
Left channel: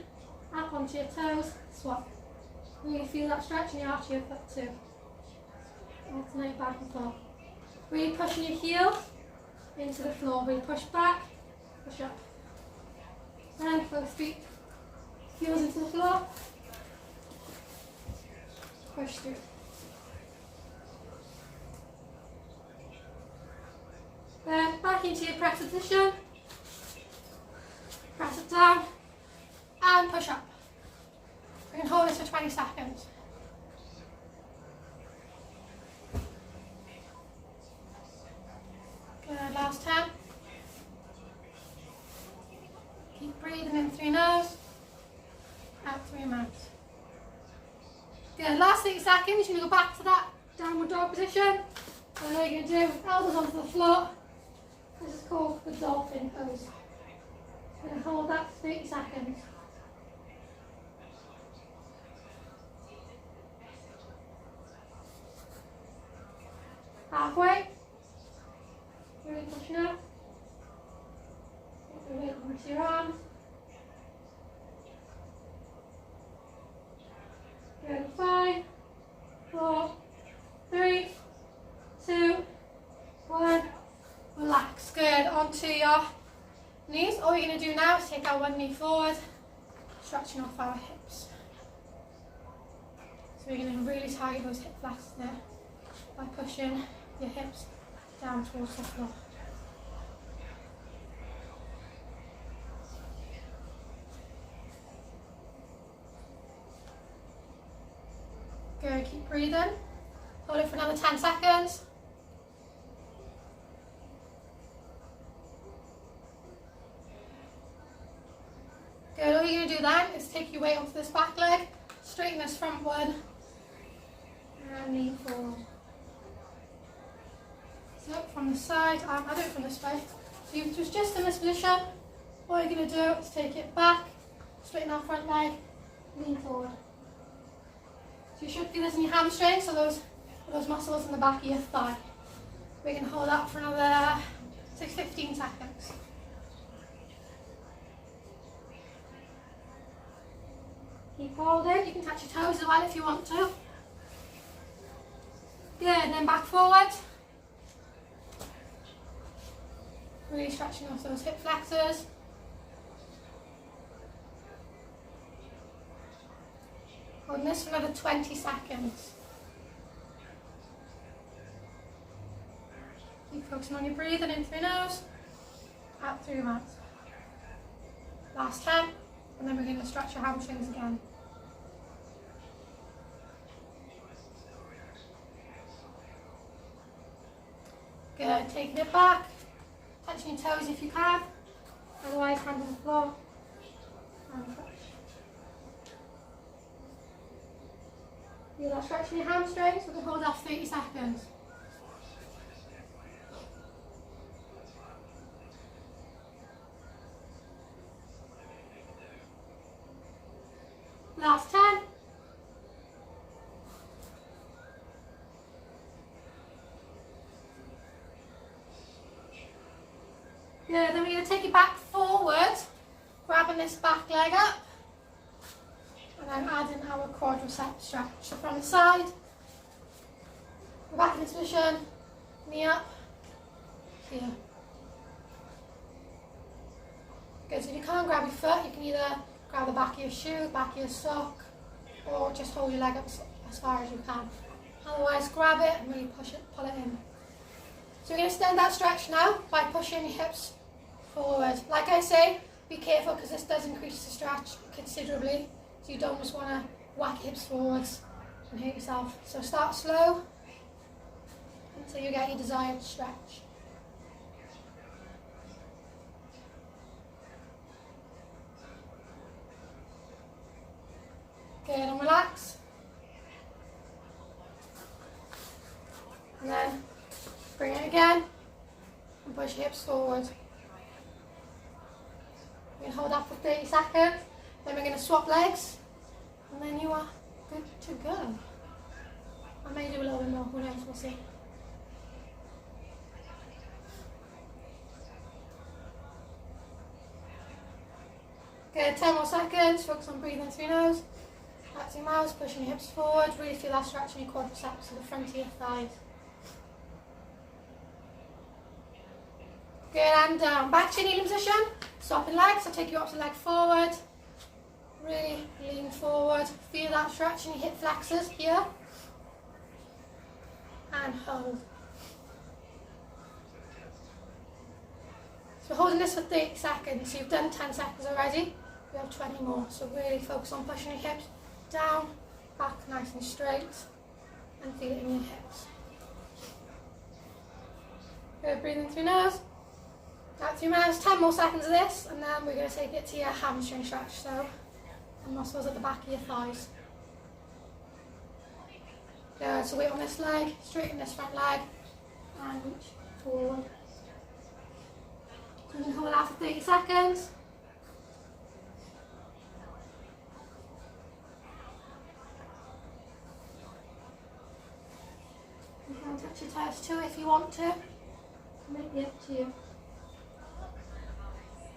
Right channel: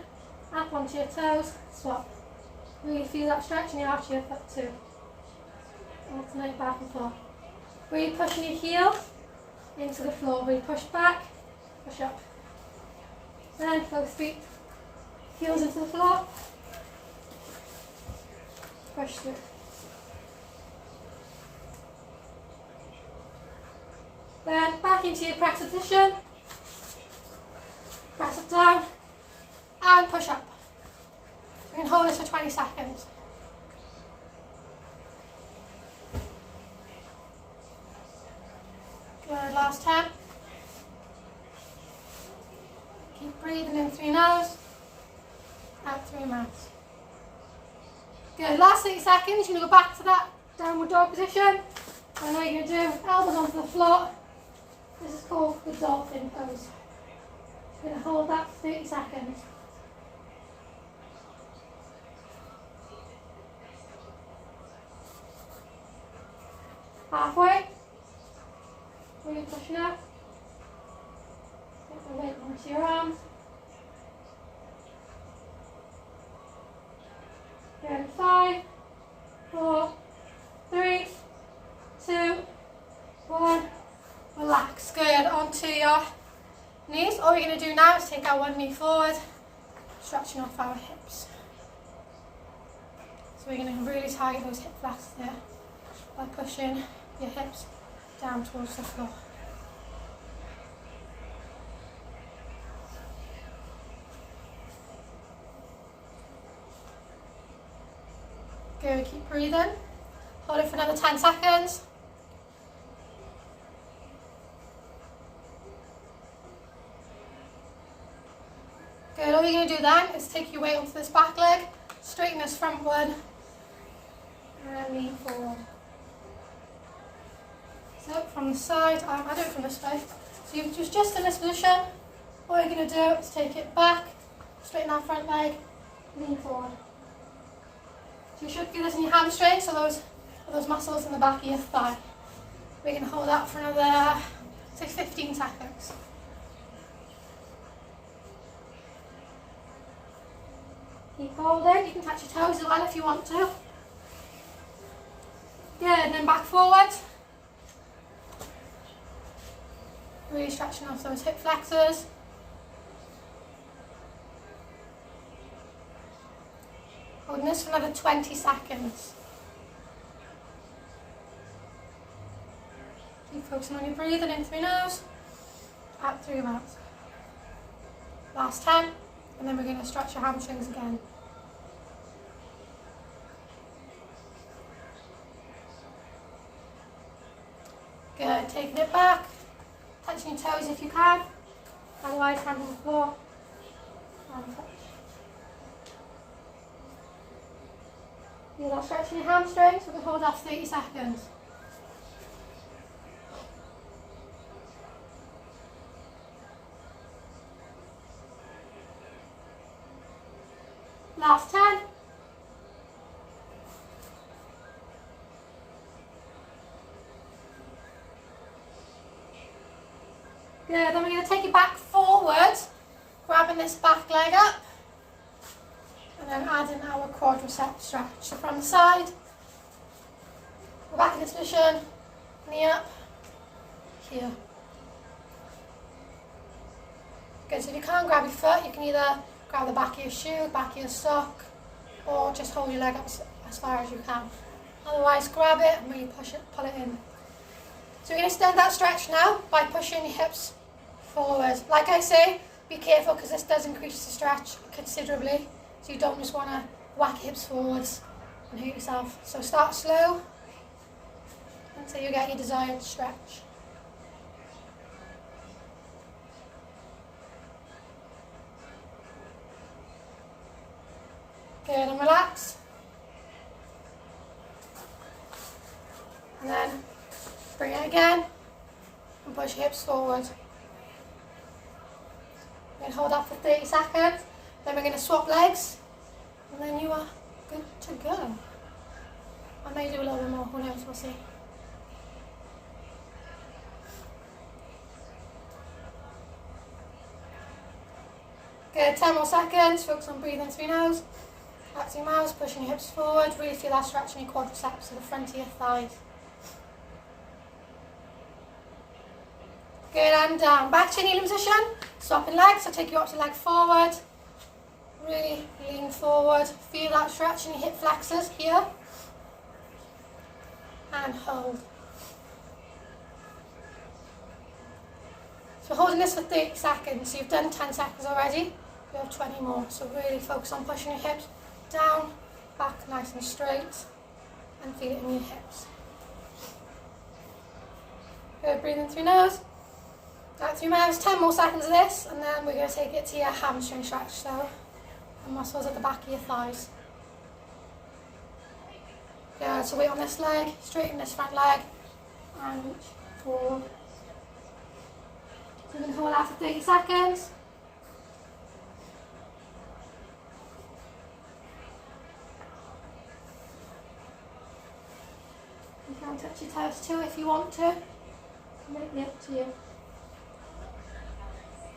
up onto your toes, swap. Really feel that stretch in your arch of your foot too. Alternate back and forth. Really pushing your heel into the floor, really push back, push up. Then both feet, heels into the floor, push through. Then back into your press position, press it down and push up. You can hold this for 20 seconds. Good, last 10. Keep breathing in through your nose, out through your mouth. Good, last 8 seconds, you're going to go back to that downward dog position. And what you're going to do, elbows onto the floor. This is called the Dolphin Pose. You're going to hold that for 30 seconds. Halfway. Really pushing up. Get the weight onto your arms. Good. 5, 4, 3, 2, 1. Relax. Good. Onto your knees. All we're going to do now is take our one knee forward, stretching off our hips. So we're going to really target those hip flexors there by pushing your hips down towards the floor. Good, keep breathing. Hold it for another 10 seconds. then is take your weight onto this back leg, straighten this front one, and lean forward. So from the side, I do it from this way. So you've just in this position, all you're going to do is take it back, straighten that front leg, lean forward. So you should feel this in your hamstrings, so those muscles in the back of your thigh. We can hold that for another, say, 15 seconds. Keep holding. You can touch your toes as well if you want to. Good, and then back forward. Really stretching off those hip flexors. Holding this for another 20 seconds. Keep focusing on your breathing in through your nose, out through your mouth. Last 10, and then we're going to stretch your hamstrings again. Good, taking it back, touching your toes if you can, otherwise hand on the floor, and touch. Feel that stretch in your hamstrings, we can hold off 30 seconds. Last 10. Good, then we're going to take it back forward, grabbing this back leg up, and then adding our quadriceps stretch. So from the side, we're back in this position, knee up, here. Good, so if you can't grab your foot, you can either grab the back of your shoe, back of your sock, or just hold your leg up as far as you can. Otherwise, grab it and really push it, pull it in. So we're going to extend that stretch now by pushing your hips forward. Like I say, be careful because this does increase the stretch considerably. So you don't just want to whack your hips forwards and hurt yourself. So start slow until you get your desired stretch. Good, and relax. And then bring it again and push your hips forward. We're going to hold that for 30 seconds. Then we're going to swap legs. And then you are good to go. I may do a little bit more, who knows, we'll see. Good, 10 more seconds. Focus on breathing through your nose. Back to your mouth, pushing your hips forward. Really feel that stretch in your quadriceps to the front of your thighs. Good, and down. Back to your kneeling position. Swapping legs, so take your opposite leg forward. Really lean forward. Feel that stretch in your hip flexors here. And hold. So we're holding this for 30 seconds. So you've done 10 seconds already. You have 20 more. So really focus on pushing your hips down, back nice and straight, and feel it in your hips. Good, breathing through your nose. Out through your mouth, 10 more seconds of this, and then we're going to take it to your hamstring stretch, so the muscles at the back of your thighs. Good, so weight on this leg, straighten this front leg, and reach forward. So you can hold that for 30 seconds. You can touch your toes too if you want to. Maybe up to you.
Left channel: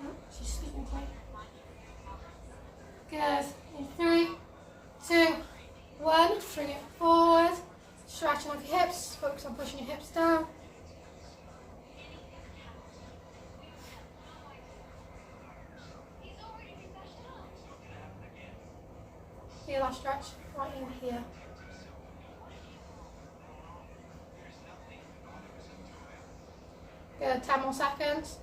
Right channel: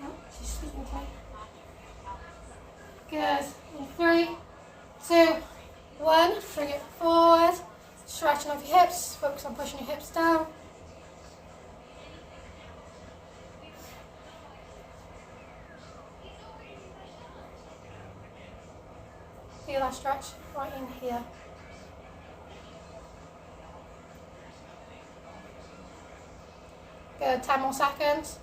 Oh, she's sleeping tight. Good. In 3, 2, 1. Bring it forward. Stretching off your hips. Focus on pushing your hips down. Feel that stretch right in here. Good. 10 more seconds.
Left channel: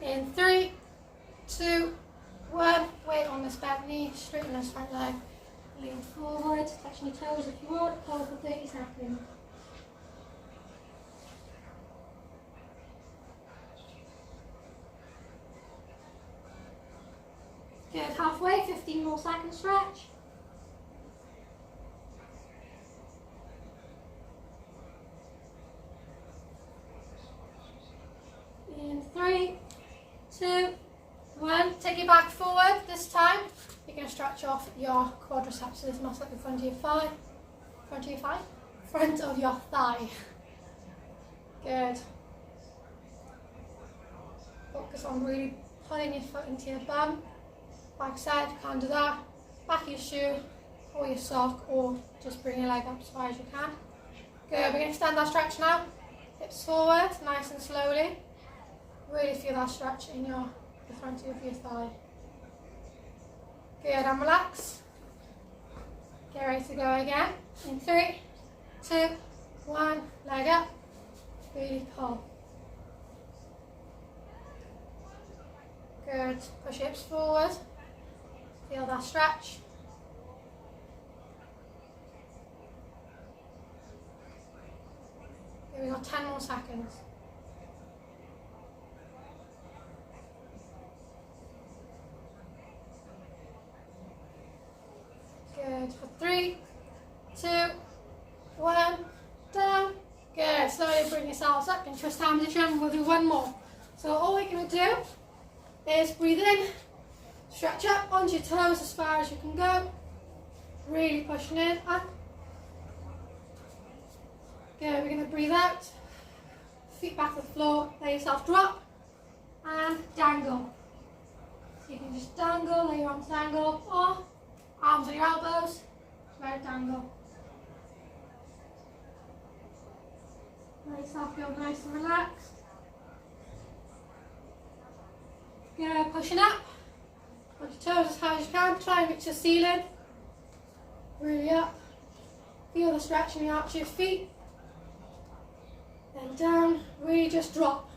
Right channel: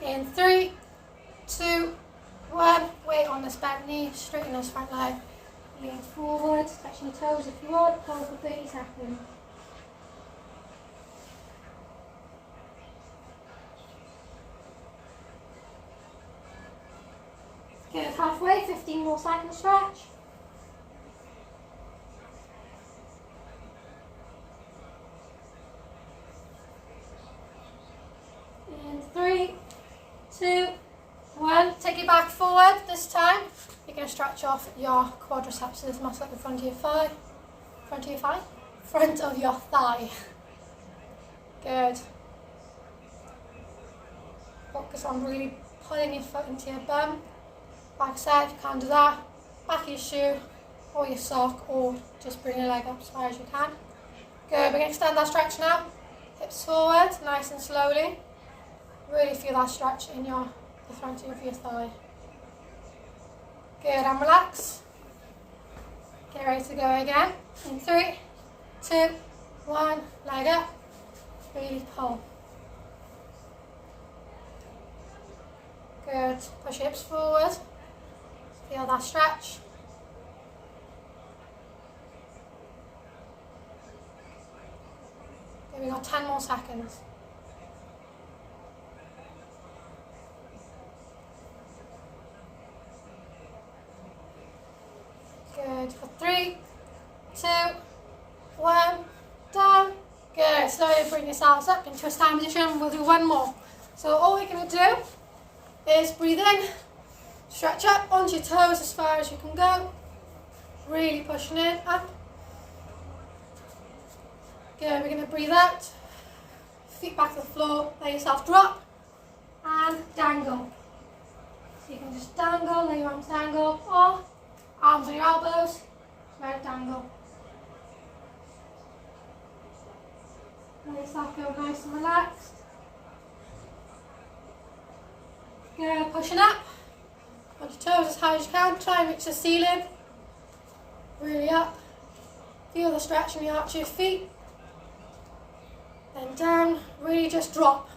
In 3, 2, 1. Weight on this back knee, straighten this front leg. Lean forward, touching your toes if you want. Hold for 30 seconds. more seconds stretch. In 3, 2, 1. Take it back forward this time. You're going to stretch off your quadriceps, so this muscle at the front of your thigh. Front of your thigh? Front of your thigh. Good. Focus on really pulling your foot into your bum. Back side, if you can't do that. Back of your shoe or your sock, or just bring your leg up as far as you can. Good. We're going to extend that stretch now. Hips forward, nice and slowly. Really feel that stretch in the front of your thigh. Good, and relax. Get ready to go again. In 3, 2, 1, leg up. Really pull. Good. Push your hips forward. Feel that stretch. Okay, we got 10 more seconds. Good. For 3, 2, 1, down. Good. Slowly bring yourselves up into a stand position. We'll do one more. So all we're going to do is breathe in, stretch up onto your toes as far as you can go. Really pushing in, up. Good. We're going to breathe out. Feet back to the floor. Let yourself drop and dangle. So you can just dangle, lay your arms dangle, or arms on your elbows, let it dangle. Let yourself go nice and relaxed. Good, pushing up. On your toes as high as you can. Try and reach the ceiling. Really up. Feel the stretch in the arch of your feet. Then down. Really just drop.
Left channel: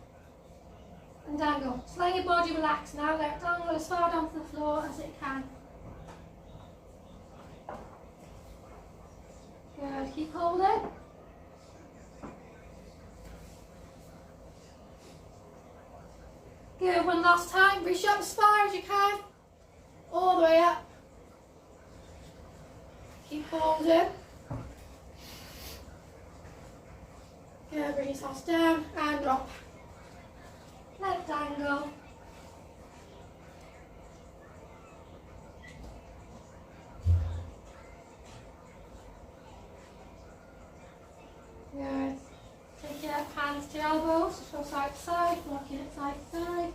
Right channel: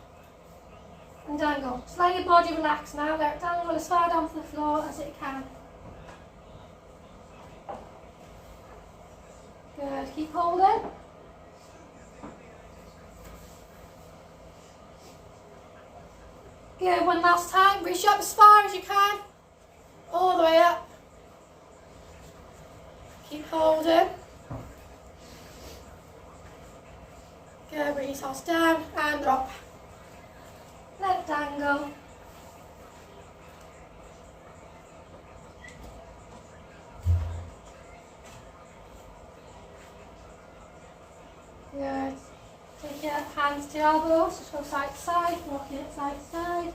And dangle. Just let your body relax now. Let it dangle as far down to the floor as it can. Good. Keep holding. Good. One last time. Reach up as far as you can. All the way up. Keep holding. Good. Bring yourselves down and drop. Let it dangle. Good. Take your hands to your elbows, just go side to side, walking it side to side.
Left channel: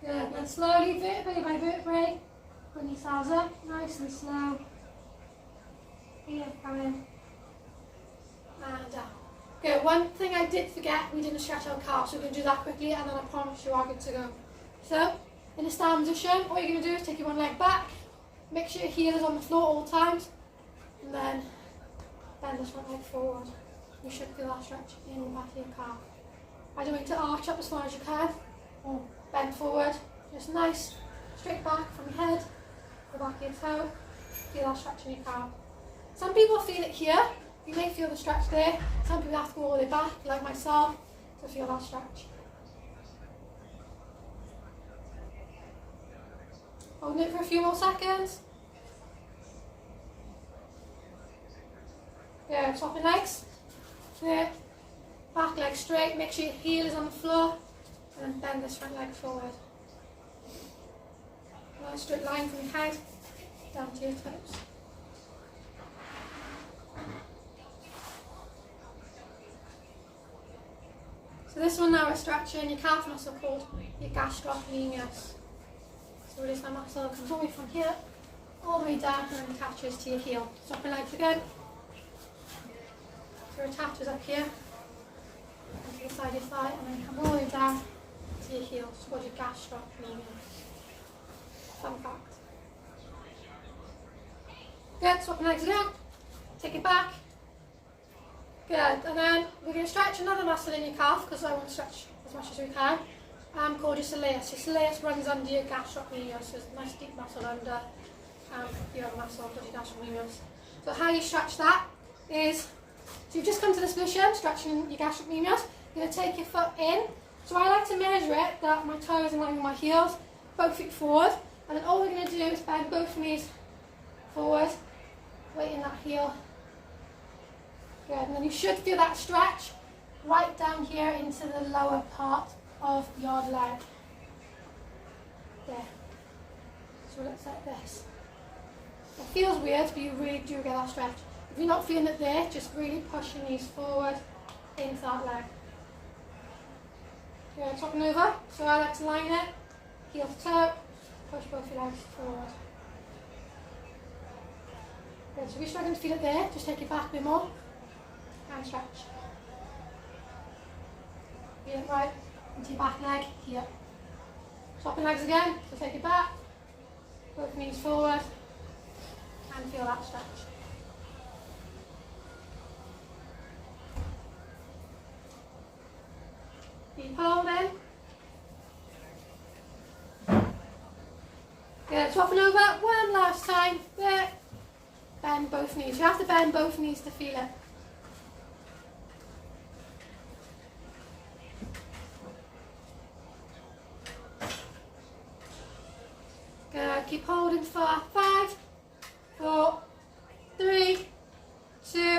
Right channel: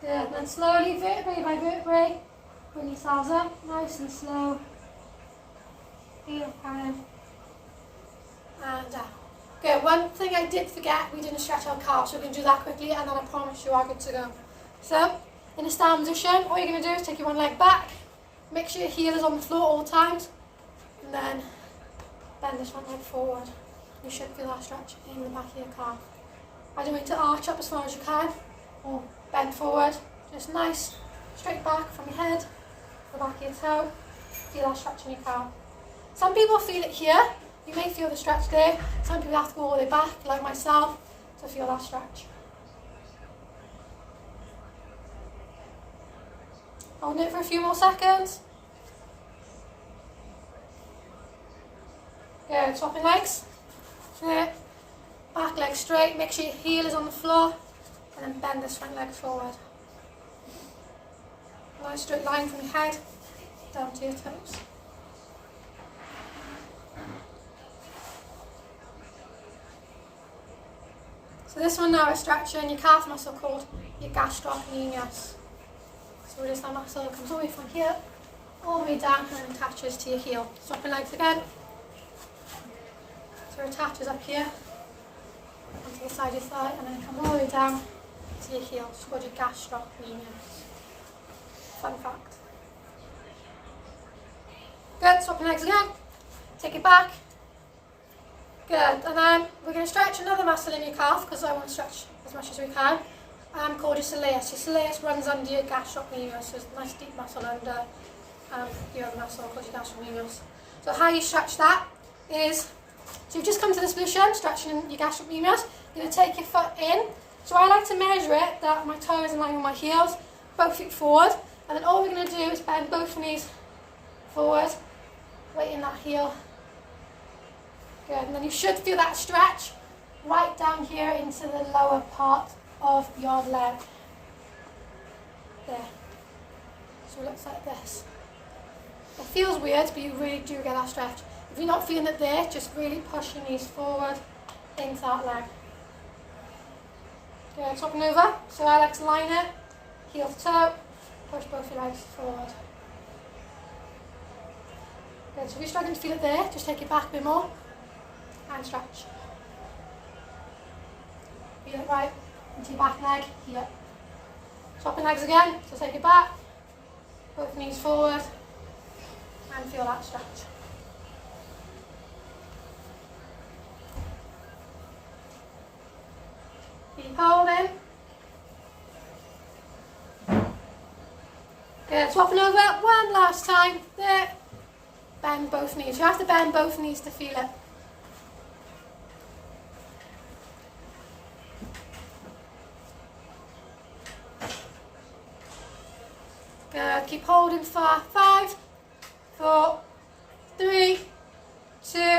Good, then slowly, vertebrae by vertebrae, bring yourselves up, nice and slow. Feel it coming. And down. Good, one thing I did forget, we didn't stretch our calves, so we can do that quickly and then I promise you are good to go. So, in a stand position, all you're going to do is take your one leg back, make sure your heel is on the floor all times, and then bend this front leg forward. You should feel that stretch in the back of your calf. I don't want you to arch up as far as you can, or bend forward, just nice, straight back from your head, the back of your toe, feel that stretch in your calf. Some people feel it here, you may feel the stretch there, some people have to go all the way back, like myself, to feel that stretch. Hold it for a few more seconds. Good, swapping legs. Good. Back leg straight, make sure your heel is on the floor, and then bend this front leg forward. Nice straight line from your head down to your toes. So this one now is stretching your calf muscle called your gastrocnemius. So it is that muscle that comes all the way from here, all the way down and attaches to your heel. Swapping legs again. So it attaches up here, onto the side of your thigh, and then it comes all the way down to your heel. It's called your gastrocnemius. Fun fact. Good, swapping legs again. Take it back. Good, and then we're going to stretch another muscle in your calf, because I want to stretch as much as we can. Called your soleus. Your soleus runs under your gastrocnemius, so it's a nice deep muscle under your other muscle called your gastrocnemius. So how you stretch that is So you've just come to this position, stretching your gastrocnemius. You're going to take your foot in. So I like to measure it that my toe is in line with my heels, both feet forward. And then all we're going to do is bend both knees forward, weighting that heel. Good. And then you should feel that stretch right down here into the lower part of your leg. There. So it looks like this. It feels weird, but you really do get that stretch. If you're not feeling it there, just really push your knees forward into that leg. Good, swapping over. So I like to line it, heel to toe, push both your legs forward. Good, so if you're struggling to feel it there, just take it back a bit more and stretch. Feel it right into your back leg, here. Swapping legs again, so take it back, both knees forward, and feel that stretch. Keep holding. Good, swapping over one last time. There. Bend both knees. You have to bend both knees to feel it. Good, keep holding for 5, 4, 3, 2,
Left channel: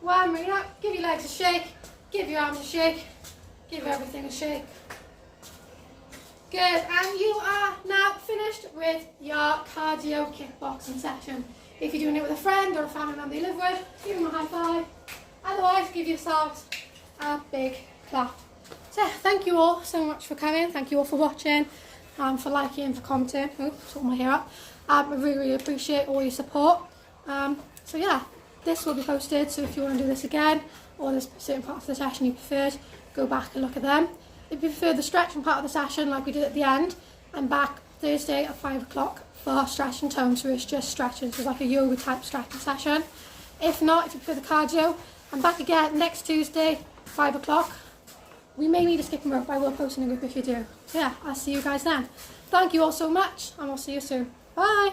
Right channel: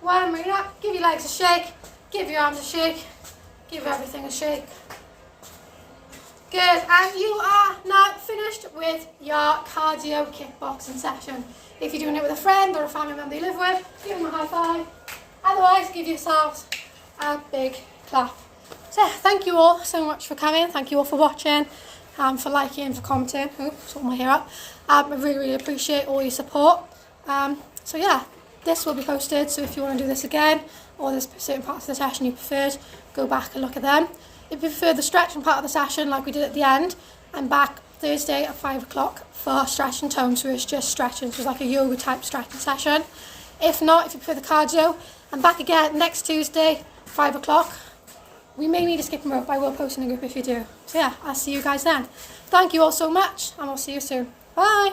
1. Bring it up. Give your legs a shake. Give your arms a shake. Give everything a shake. Good, and you are now finished with your cardio kickboxing session. If you're doing it with a friend or a family member you live with, give them a high five. Otherwise, give yourselves a big clap. So, thank you all so much for coming. Thank you all for watching, for liking, for commenting. Oops, sort my hair up. I really, really appreciate all your support. So yeah, this will be posted. So if you want to do this again, or there's certain parts of the session you preferred, go back and look at them. If you prefer the stretching part of the session, like we did at the end, I'm back Thursday at 5 o'clock for stretch and tone, so it's just stretching, so it's like a yoga type stretching session. If not, if you prefer the cardio, I'm back again next Tuesday, 5 o'clock. We may need a skipping rope, I will post in the group if you do. So yeah, I'll see you guys then. Thank you all so much, and I'll see you soon. Bye!